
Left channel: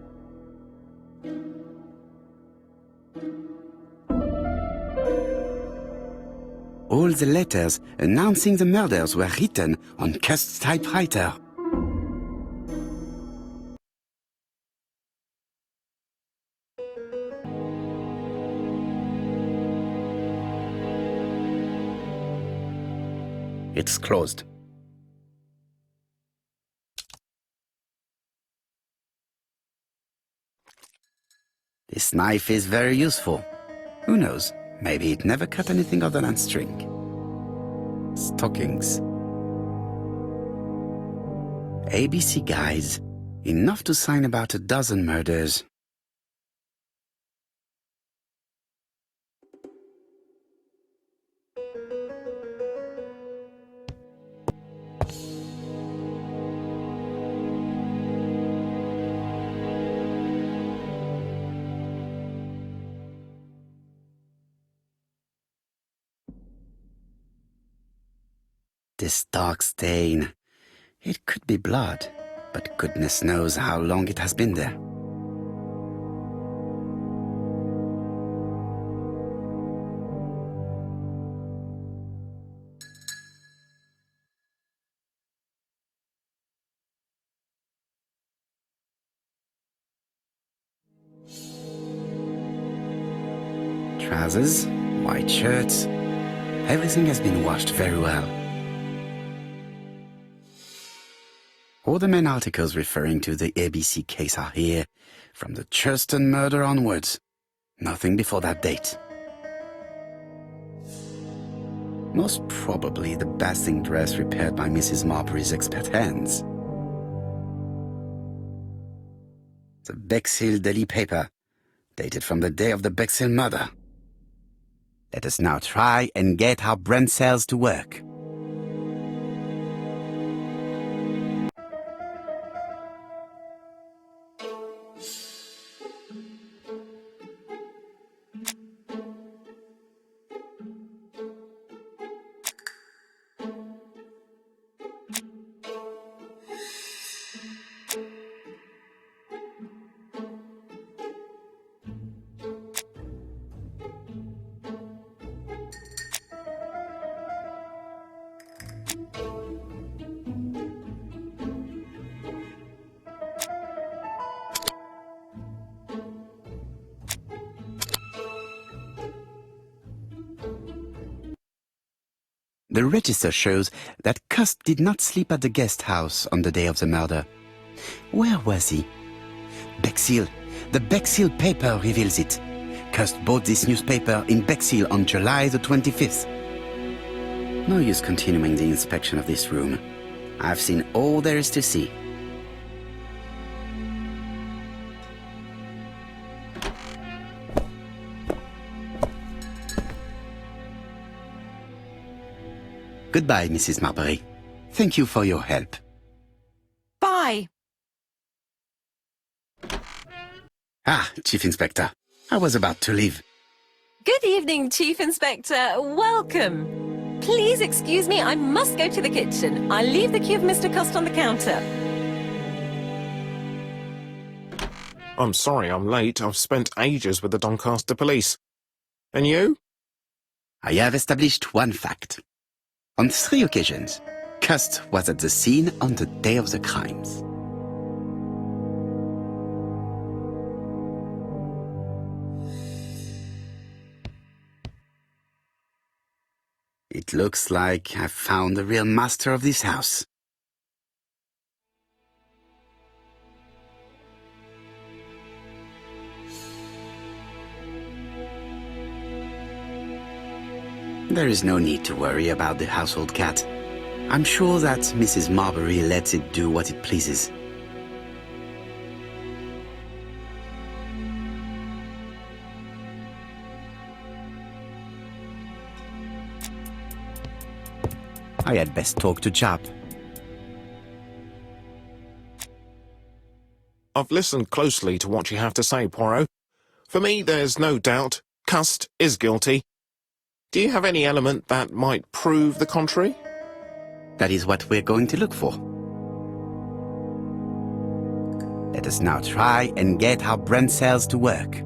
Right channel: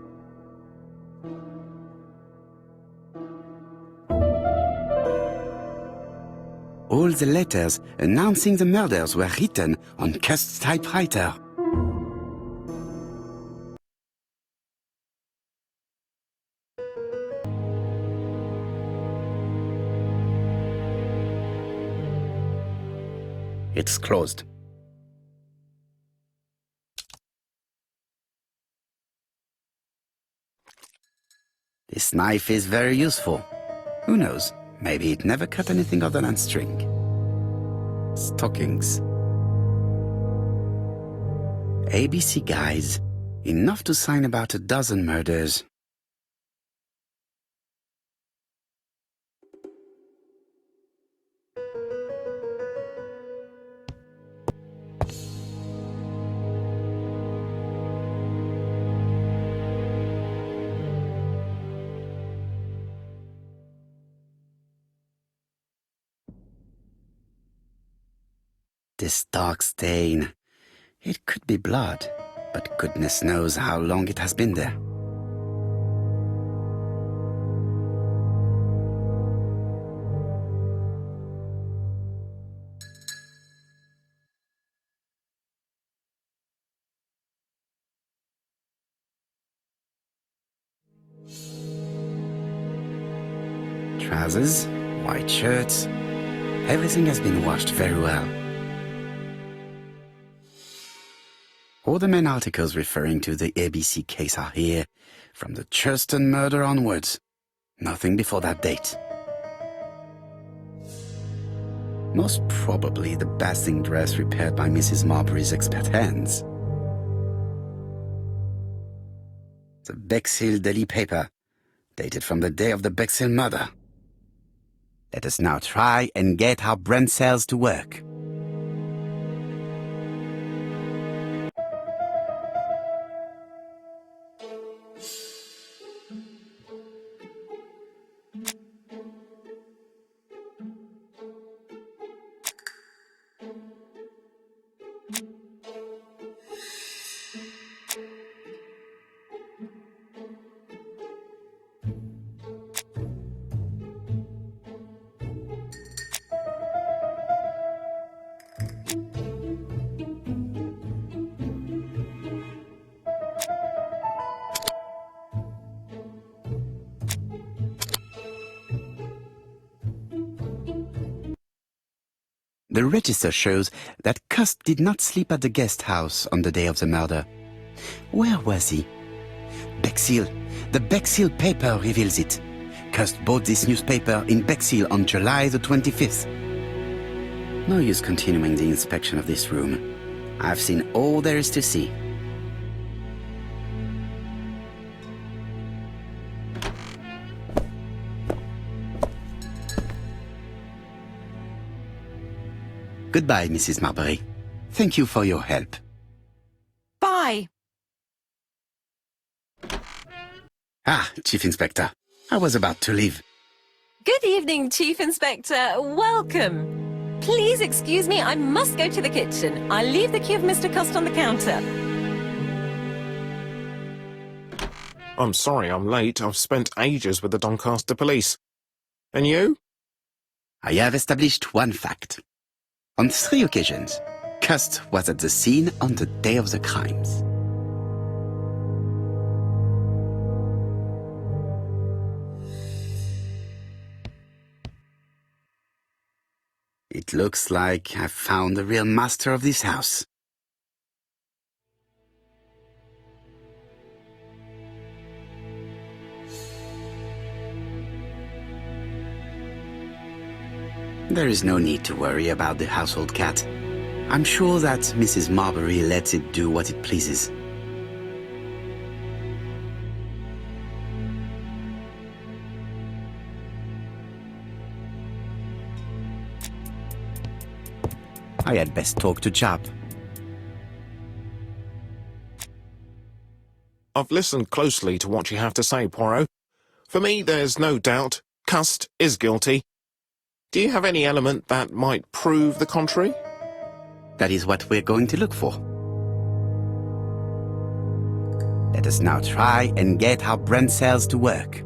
All the letters announcing the murders were written on Cust's typewriter. It's closed. This knife is very useful. Who knows? Maybe it never cut anything other than string. Stockings. ABC guys. Enough to sign about a dozen murders. This dark stain. It could be blood, but goodness knows how long it has been there. Trousers, white shirts. Everything has been washed very well. All the main articles referring to the ABC case are here, from the Churston murder onwards. Nothing before that date. Most probably the bathing dress repaired by Mrs. Marbury's expert hands. The Bexhill Daily paper, dated from the day of the Bexhill murder. Let us now try and get our brain cells to work. The register shows that Cust did not sleep at the guest house on the day of the murder. Where was he? Bexhill. The Bexhill paper reveals it. Cust bought this newspaper in Bexhill on July the 25th. No use continuing the inspection of this room. I've seen all there is to see. Goodbye, Mrs. Marbury. Thank you for your help. Bye. Ah, Chief Inspector. I was about to leave. Good evening, Chief Inspector. Welcome. Please excuse me, I must go to the kitchen. I'll leave the key of Mr. Cust on the counter. I'm sorry I'm late. I've spent ages with the Doncaster police. And you? I have established one fact. On 3 occasions, Cust was at the scene on the day of the crimes. It looks like I've found the real master of this house. There is no need to worry about the household cat. I'm sure that Mrs. Marbury lets it do what it pleases. I had best talk to Chap. I've listened closely to what you have to say, Poirot. For me, there's no doubt Cust is guilty. Do you have any element that might prove the contrary? That is what we're going to look for. Let us now try and get our brain cells to work.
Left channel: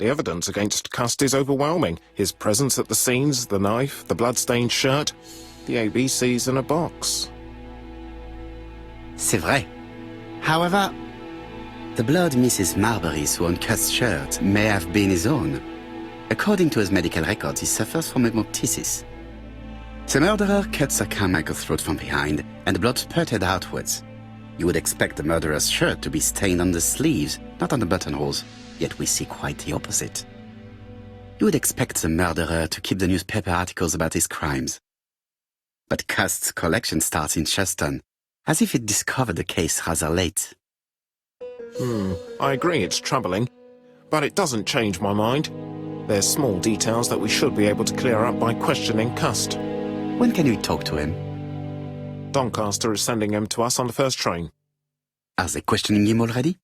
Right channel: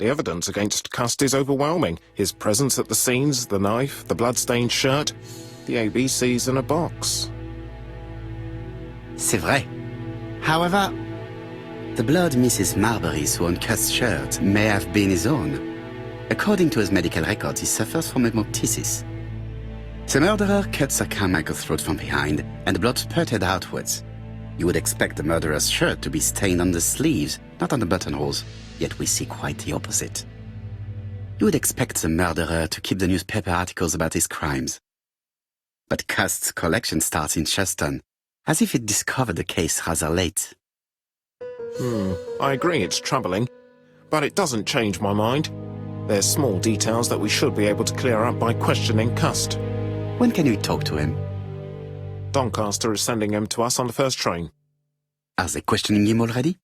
The evidence against Cust is overwhelming. His presence at the scenes, the knife, the blood-stained shirt, the ABCs in a box. C'est vrai. However, the blood Mrs. Marbury's on Cust's shirt may have been his own. According to his medical records, he suffers from hemoptysis. The murderer cut Sir Carmichael's throat from behind, and the blood spurted outwards. You would expect the murderer's shirt to be stained on the sleeves, not on the buttonholes, yet we see quite the opposite. You would expect the murderer to keep the newspaper articles about his crimes. But Cust's collection starts in Cheston, as if it discovered the case rather late. I agree it's troubling, but it doesn't change my mind. There's small details that we should be able to clear up by questioning Cust. When can we talk to him? Doncaster is sending him to us on the first train. Are they questioning him already?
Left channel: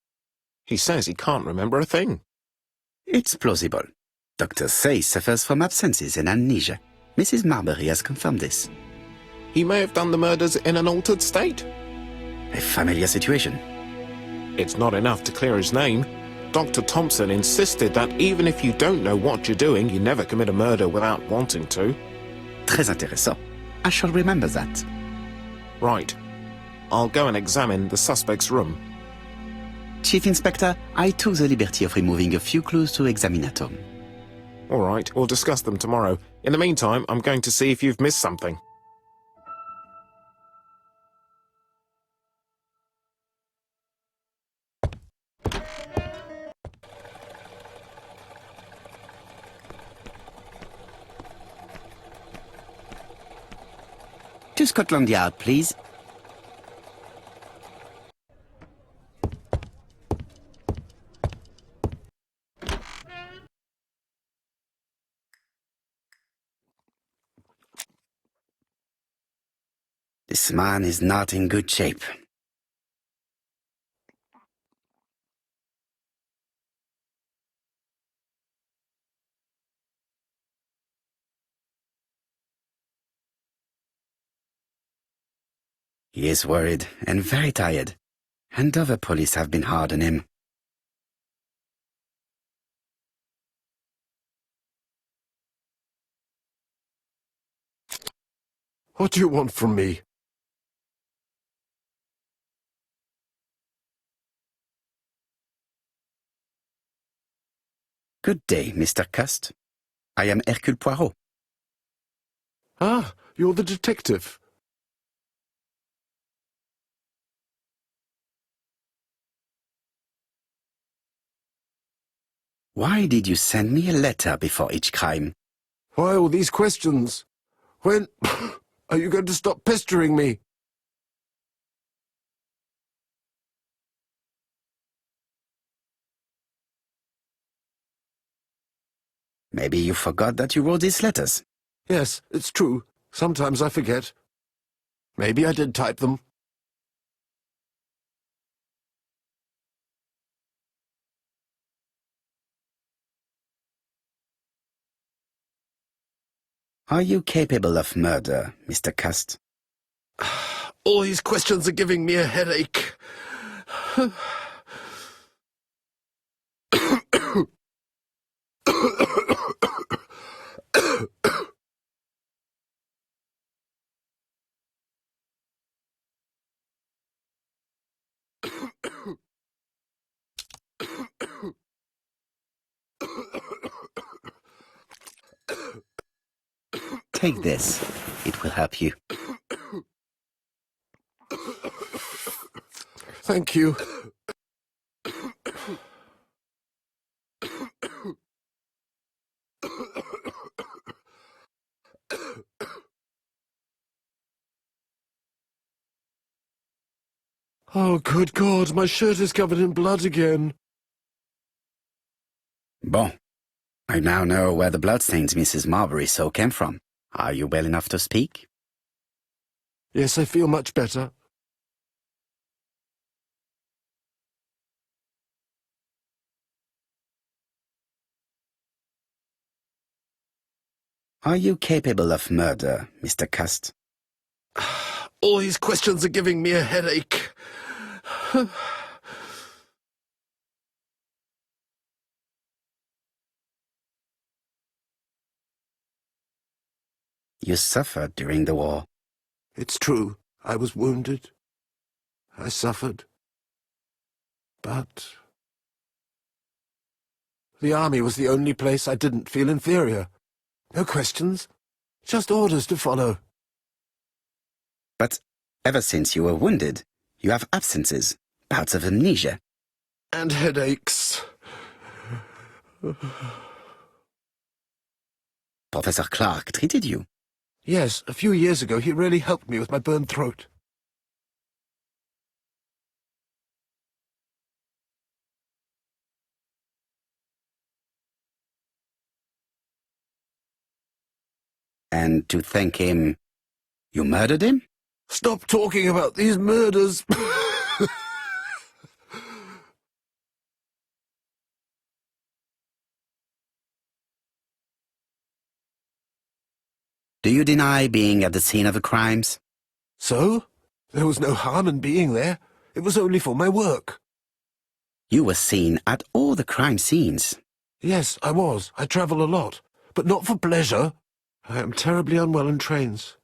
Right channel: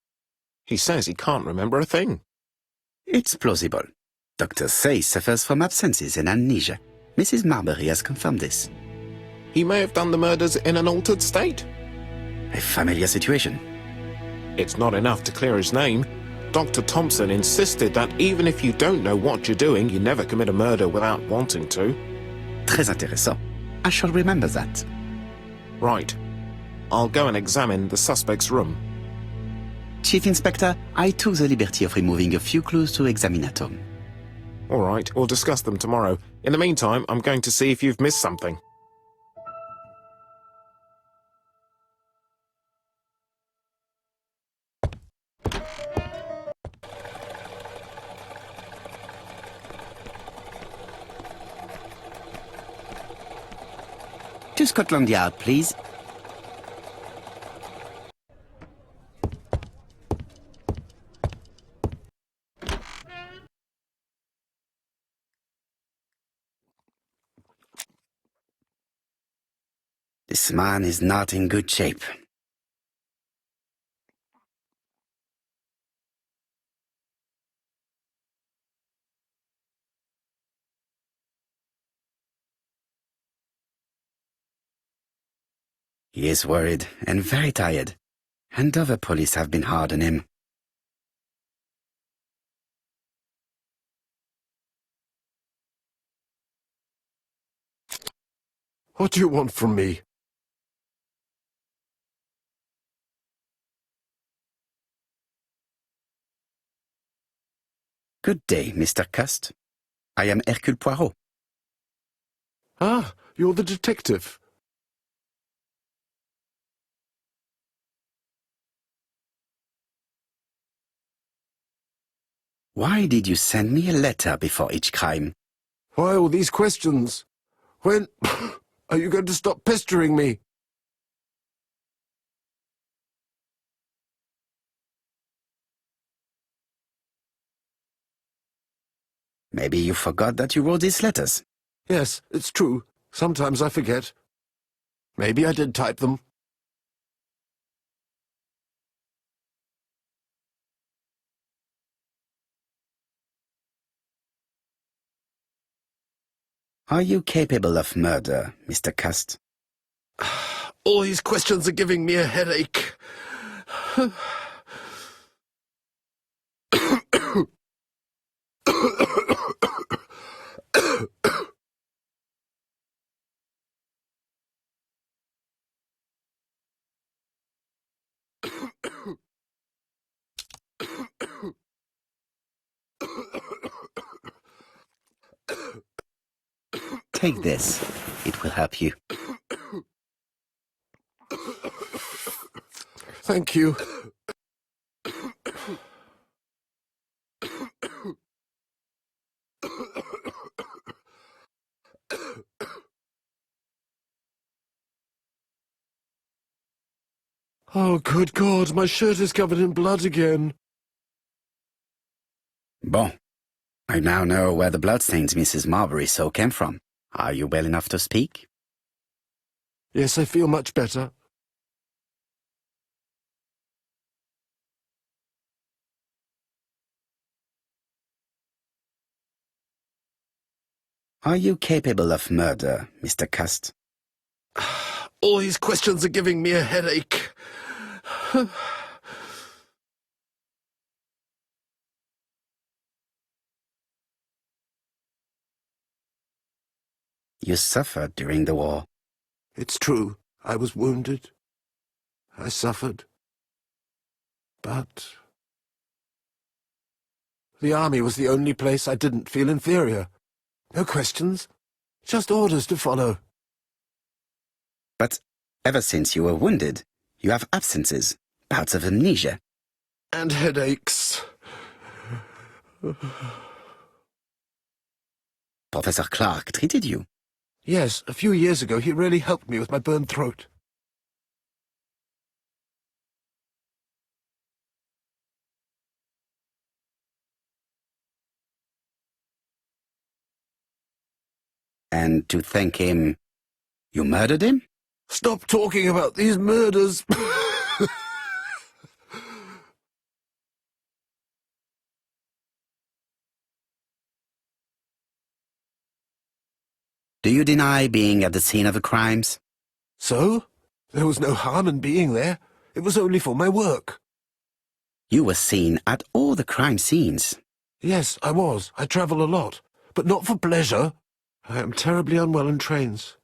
He says he can't remember a thing. It's plausible. Doctors say he suffers from absences and amnesia. Mrs. Marbury has confirmed this. He may have done the murders in an altered state. A familiar situation. It's not enough to clear his name. Dr. Thompson insisted that even if you don't know what you're doing, you never commit a murder without wanting to. Très intéressant. I shall remember that. Right. I'll go and examine the suspect's room. Chief Inspector, I took the liberty of removing a few clues to examinatum. All right, we'll discuss them tomorrow. In the meantime, I'm going to see if you've missed something. To Scotland Yard, please. This man is not in good shape. He is worried and very tired, and other police have been hard on him. What do you want from me? Good day, Mr. Cust. I am Hercule Poirot. Ah, you're the detective. Why did you send me a letter before each crime? Why all these questions? When are you going to stop pestering me? Maybe you forgot that you wrote these letters. Yes, it's true. Sometimes I forget. Maybe I did type them. Are you capable of murder, Mr. Cust? All these questions are giving me a headache. Take this. It will help you. Thank you. Oh, good God, my shirt is covered in blood again. Bon. I now know where the bloodstains Mrs. Marbury saw came from. Are you well enough to speak? Yes, I feel much better. Are you capable of murder, Mr. Cust? All these questions are giving me a headache. You suffered during the war. It's true. I was wounded. I suffered. But the army was the only place I didn't feel inferior. No questions. Just orders to follow. But ever since you were wounded, you have absences, bouts of amnesia. And headaches. Professor Clark treated you. Yes, a few years ago he really helped me with my burned throat. And to thank him, you murdered him? Stop talking about these murders. Do you deny being at the scene of the crimes? So? There was no harm in being there. It was only for my work. You were seen at all the crime scenes. Yes, I was. I travel a lot. But not for pleasure. I am terribly unwell in trains.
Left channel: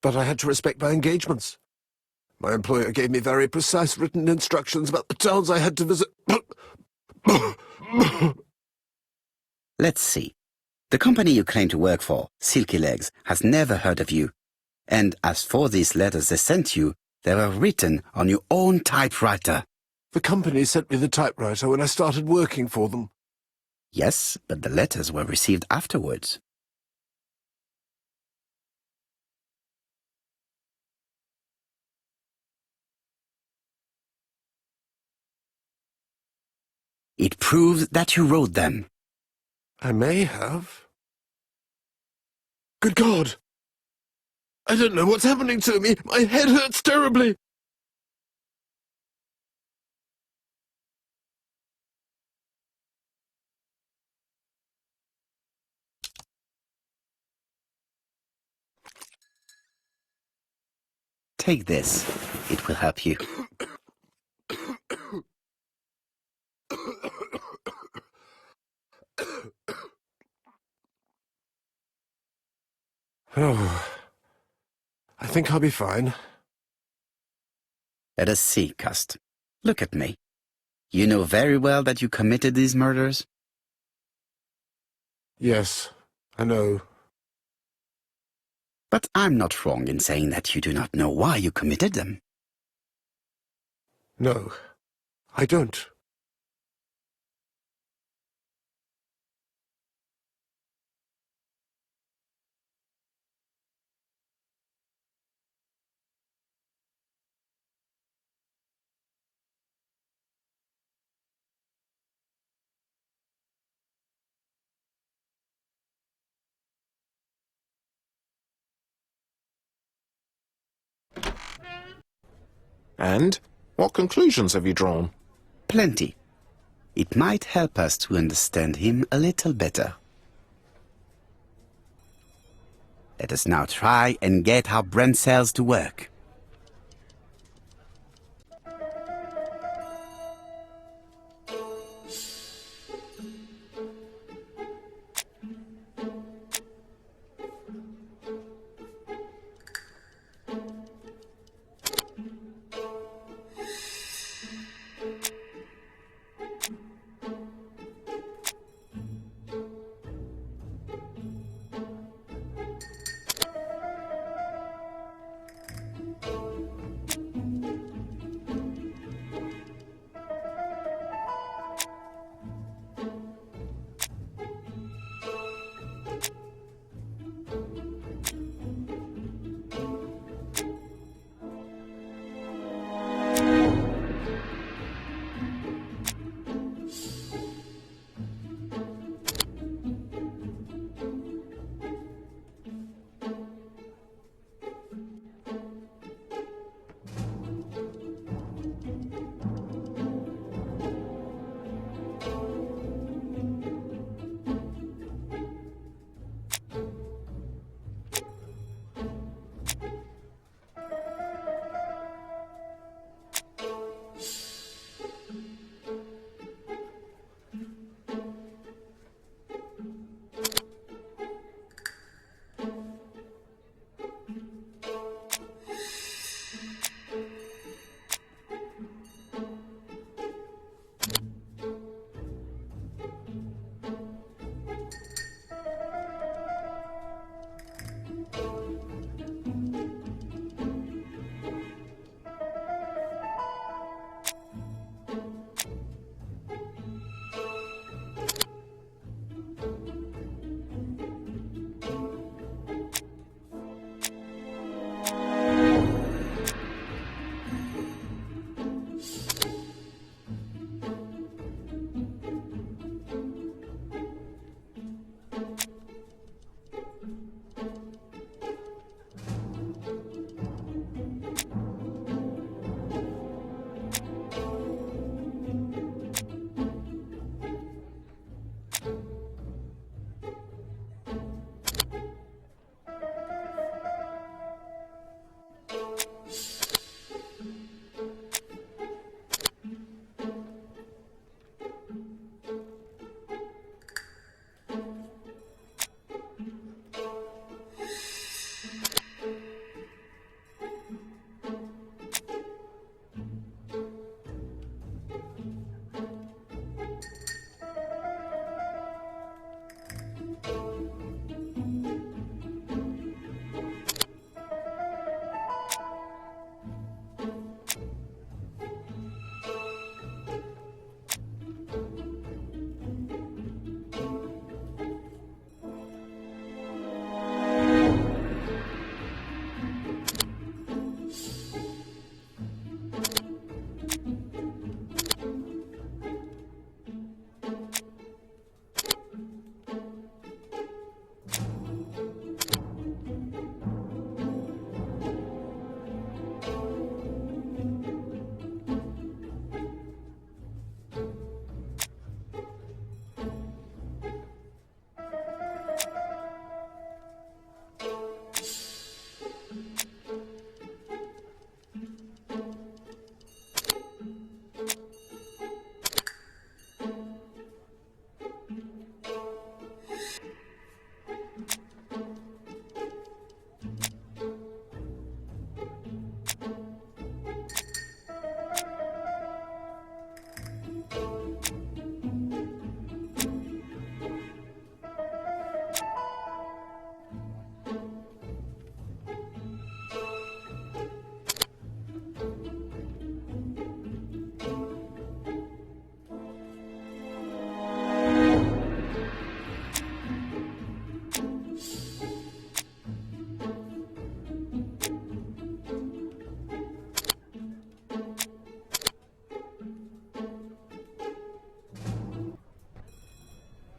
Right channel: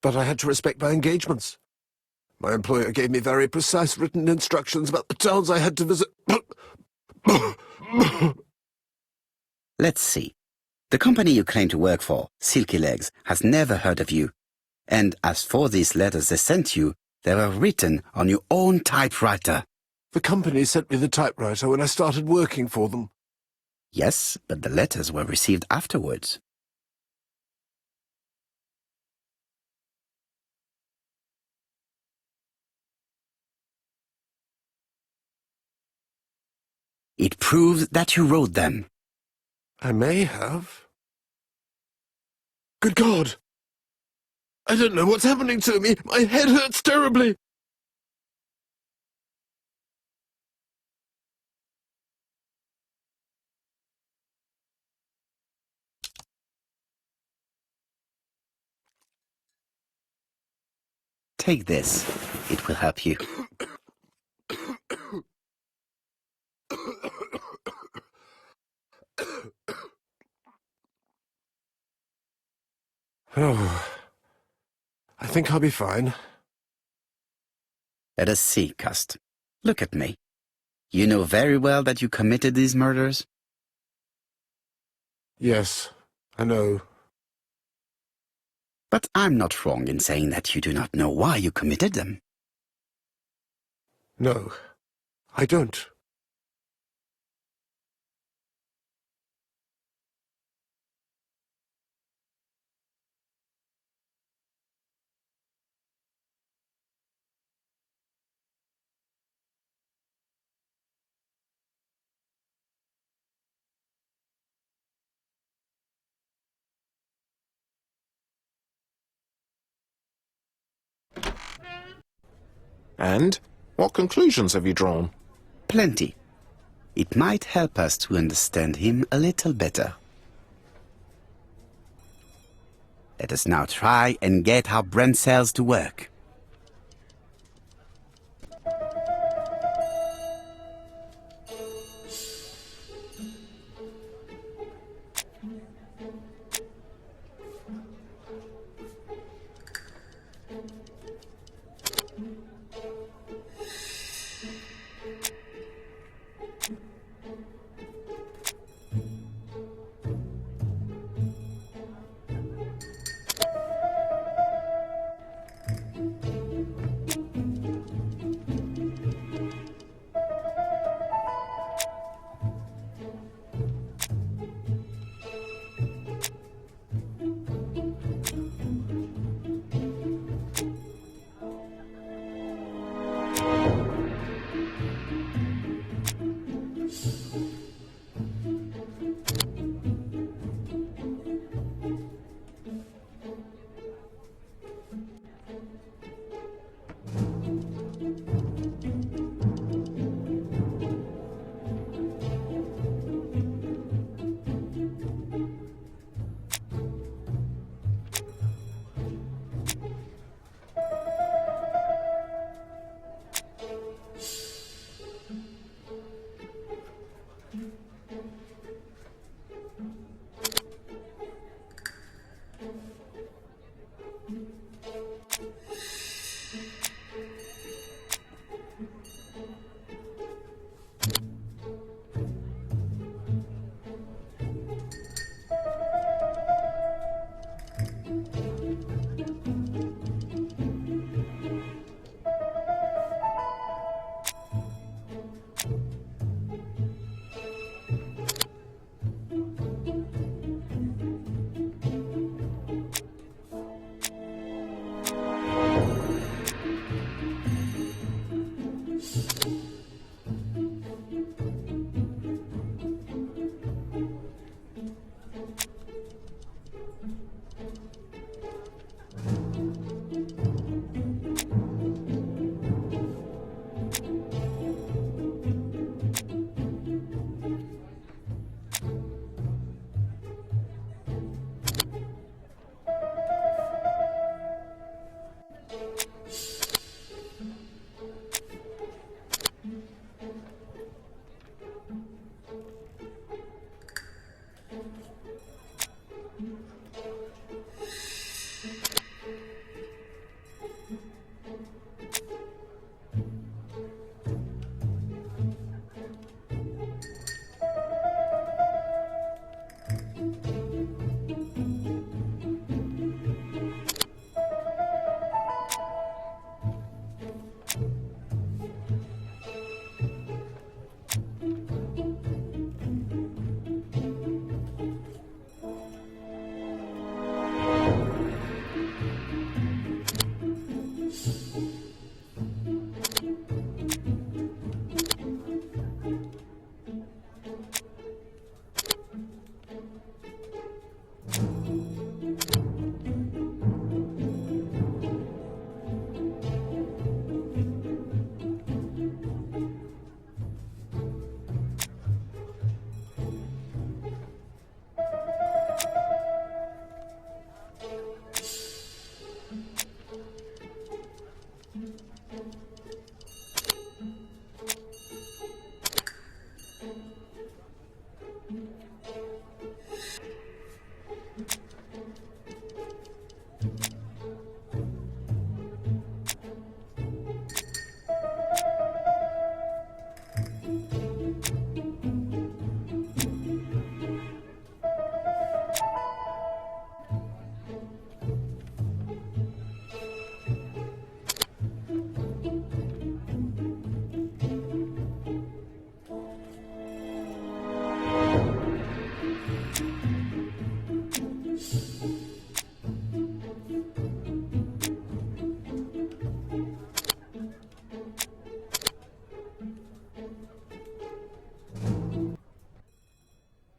But I had to respect my engagements. My employer gave me very precise written instructions about the towns I had to visit. Let's see. The company you claim to work for, Silky Legs, has never heard of you. And as for these letters they sent you, they were written on your own typewriter. The company sent me the typewriter when I started working for them. Yes, but the letters were received afterwards. It proves that you wrote them. I may have. Good God! I don't know what's happening to me. My head hurts terribly. Take this. It will help you. Oh, I think I'll be fine. Let us see, Cust. Look at me. You know very well that you committed these murders? Yes, I know. But I'm not wrong in saying that you do not know why you committed them. No, I don't. And? What conclusions have you drawn? Plenty. It might help us to understand him a little better. Let us now try and get our brain cells to work.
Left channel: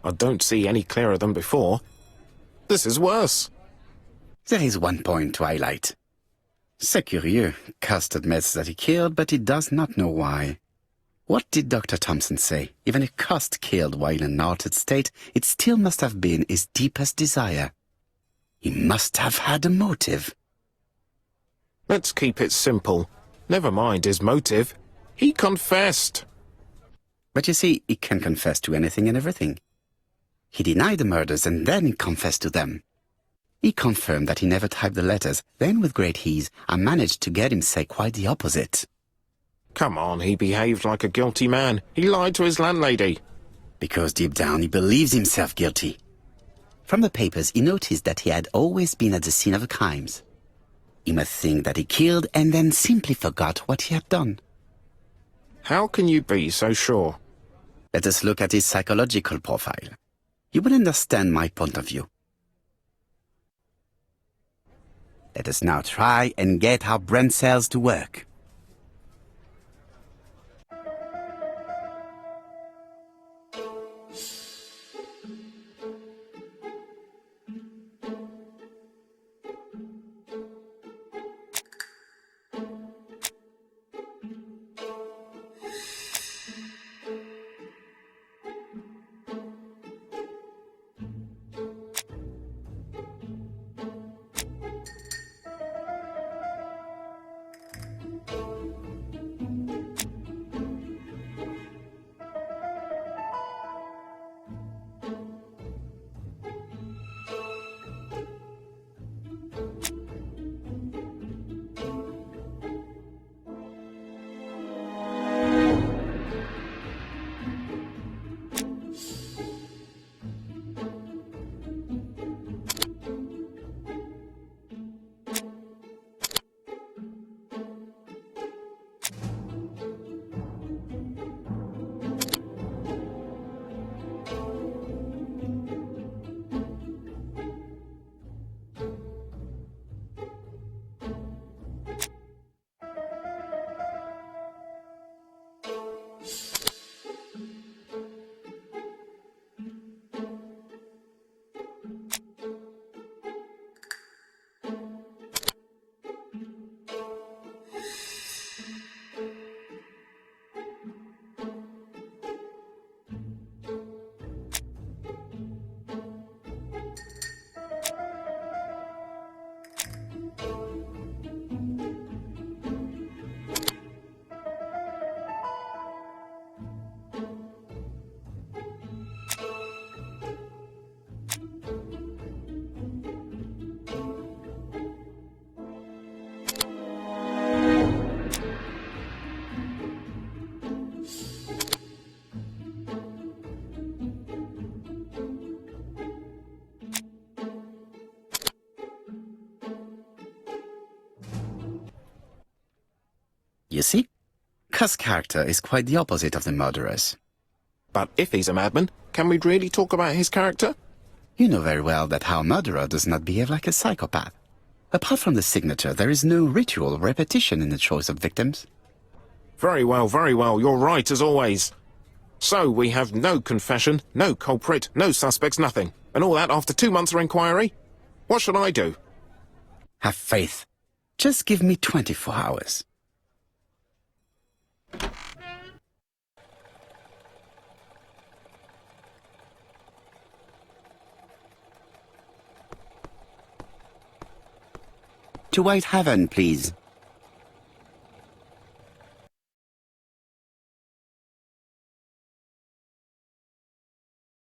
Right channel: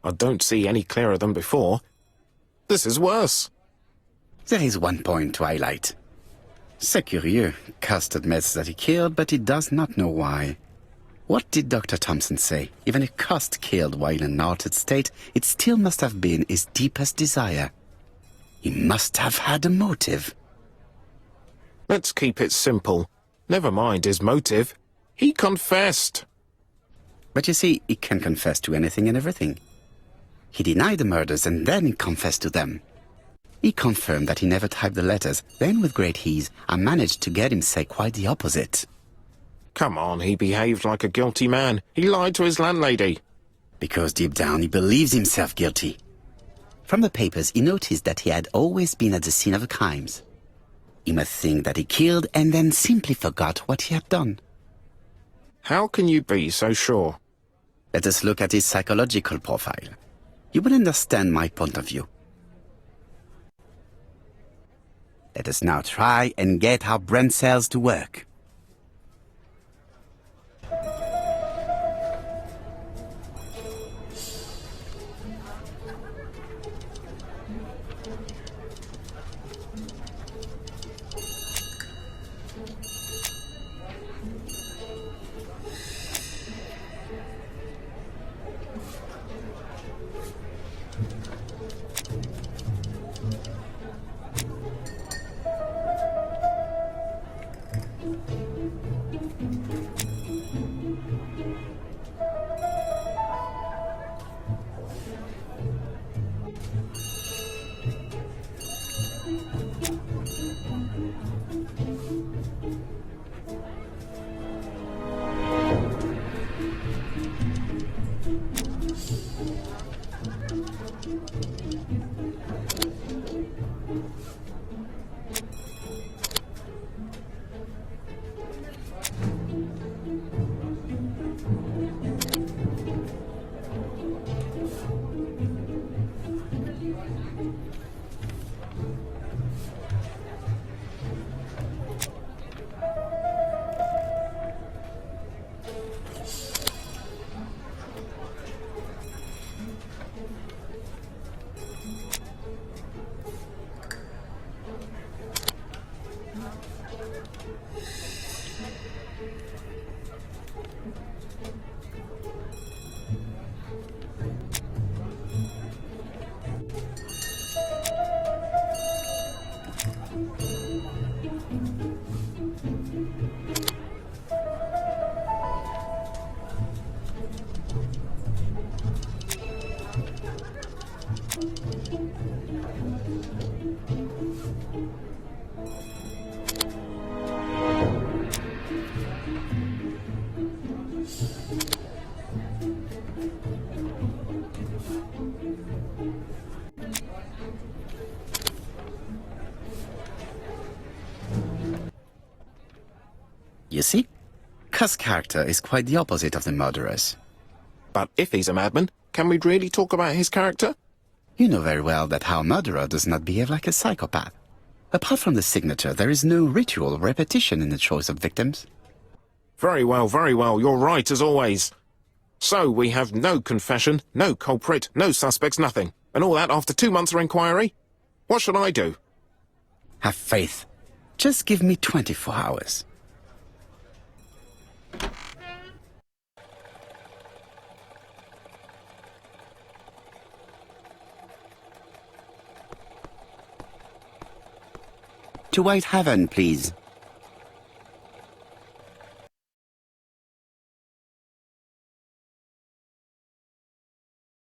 I don't see any clearer than before. This is worse. There is one point to highlight. C'est curieux. Cust admits that he killed, but he does not know why. What did Dr. Thompson say? Even if Cust killed while in an altered state, it still must have been his deepest desire. He must have had a motive. Let's keep it simple. Never mind his motive. He confessed. But you see, he can confess to anything and everything. He denied the murders and then he confessed to them. He confirmed that he never typed the letters, then with great ease, I managed to get him say quite the opposite. Come on, he behaved like a guilty man. He lied to his landlady. Because deep down he believes himself guilty. From the papers he noticed that he had always been at the scene of the crimes. He must think that he killed and then simply forgot what he had done. How can you be so sure? Let us look at his psychological profile. You will understand my point of view. Let us now try and get our brain cells to work. You see, Cust's character is quite the opposite of the murderer's. But if he's a madman, can we really talk about his character? You know very well that our murderer does not behave like a psychopath. Apart from the signature, there is no ritual or repetition in the choice of victims. Very well, you're right as always. So we have no confession, no culprit, no suspects, nothing. And all that after 2 months of inquiry? What should I do? Have faith. Just give me 24 hours. To White Haven, please.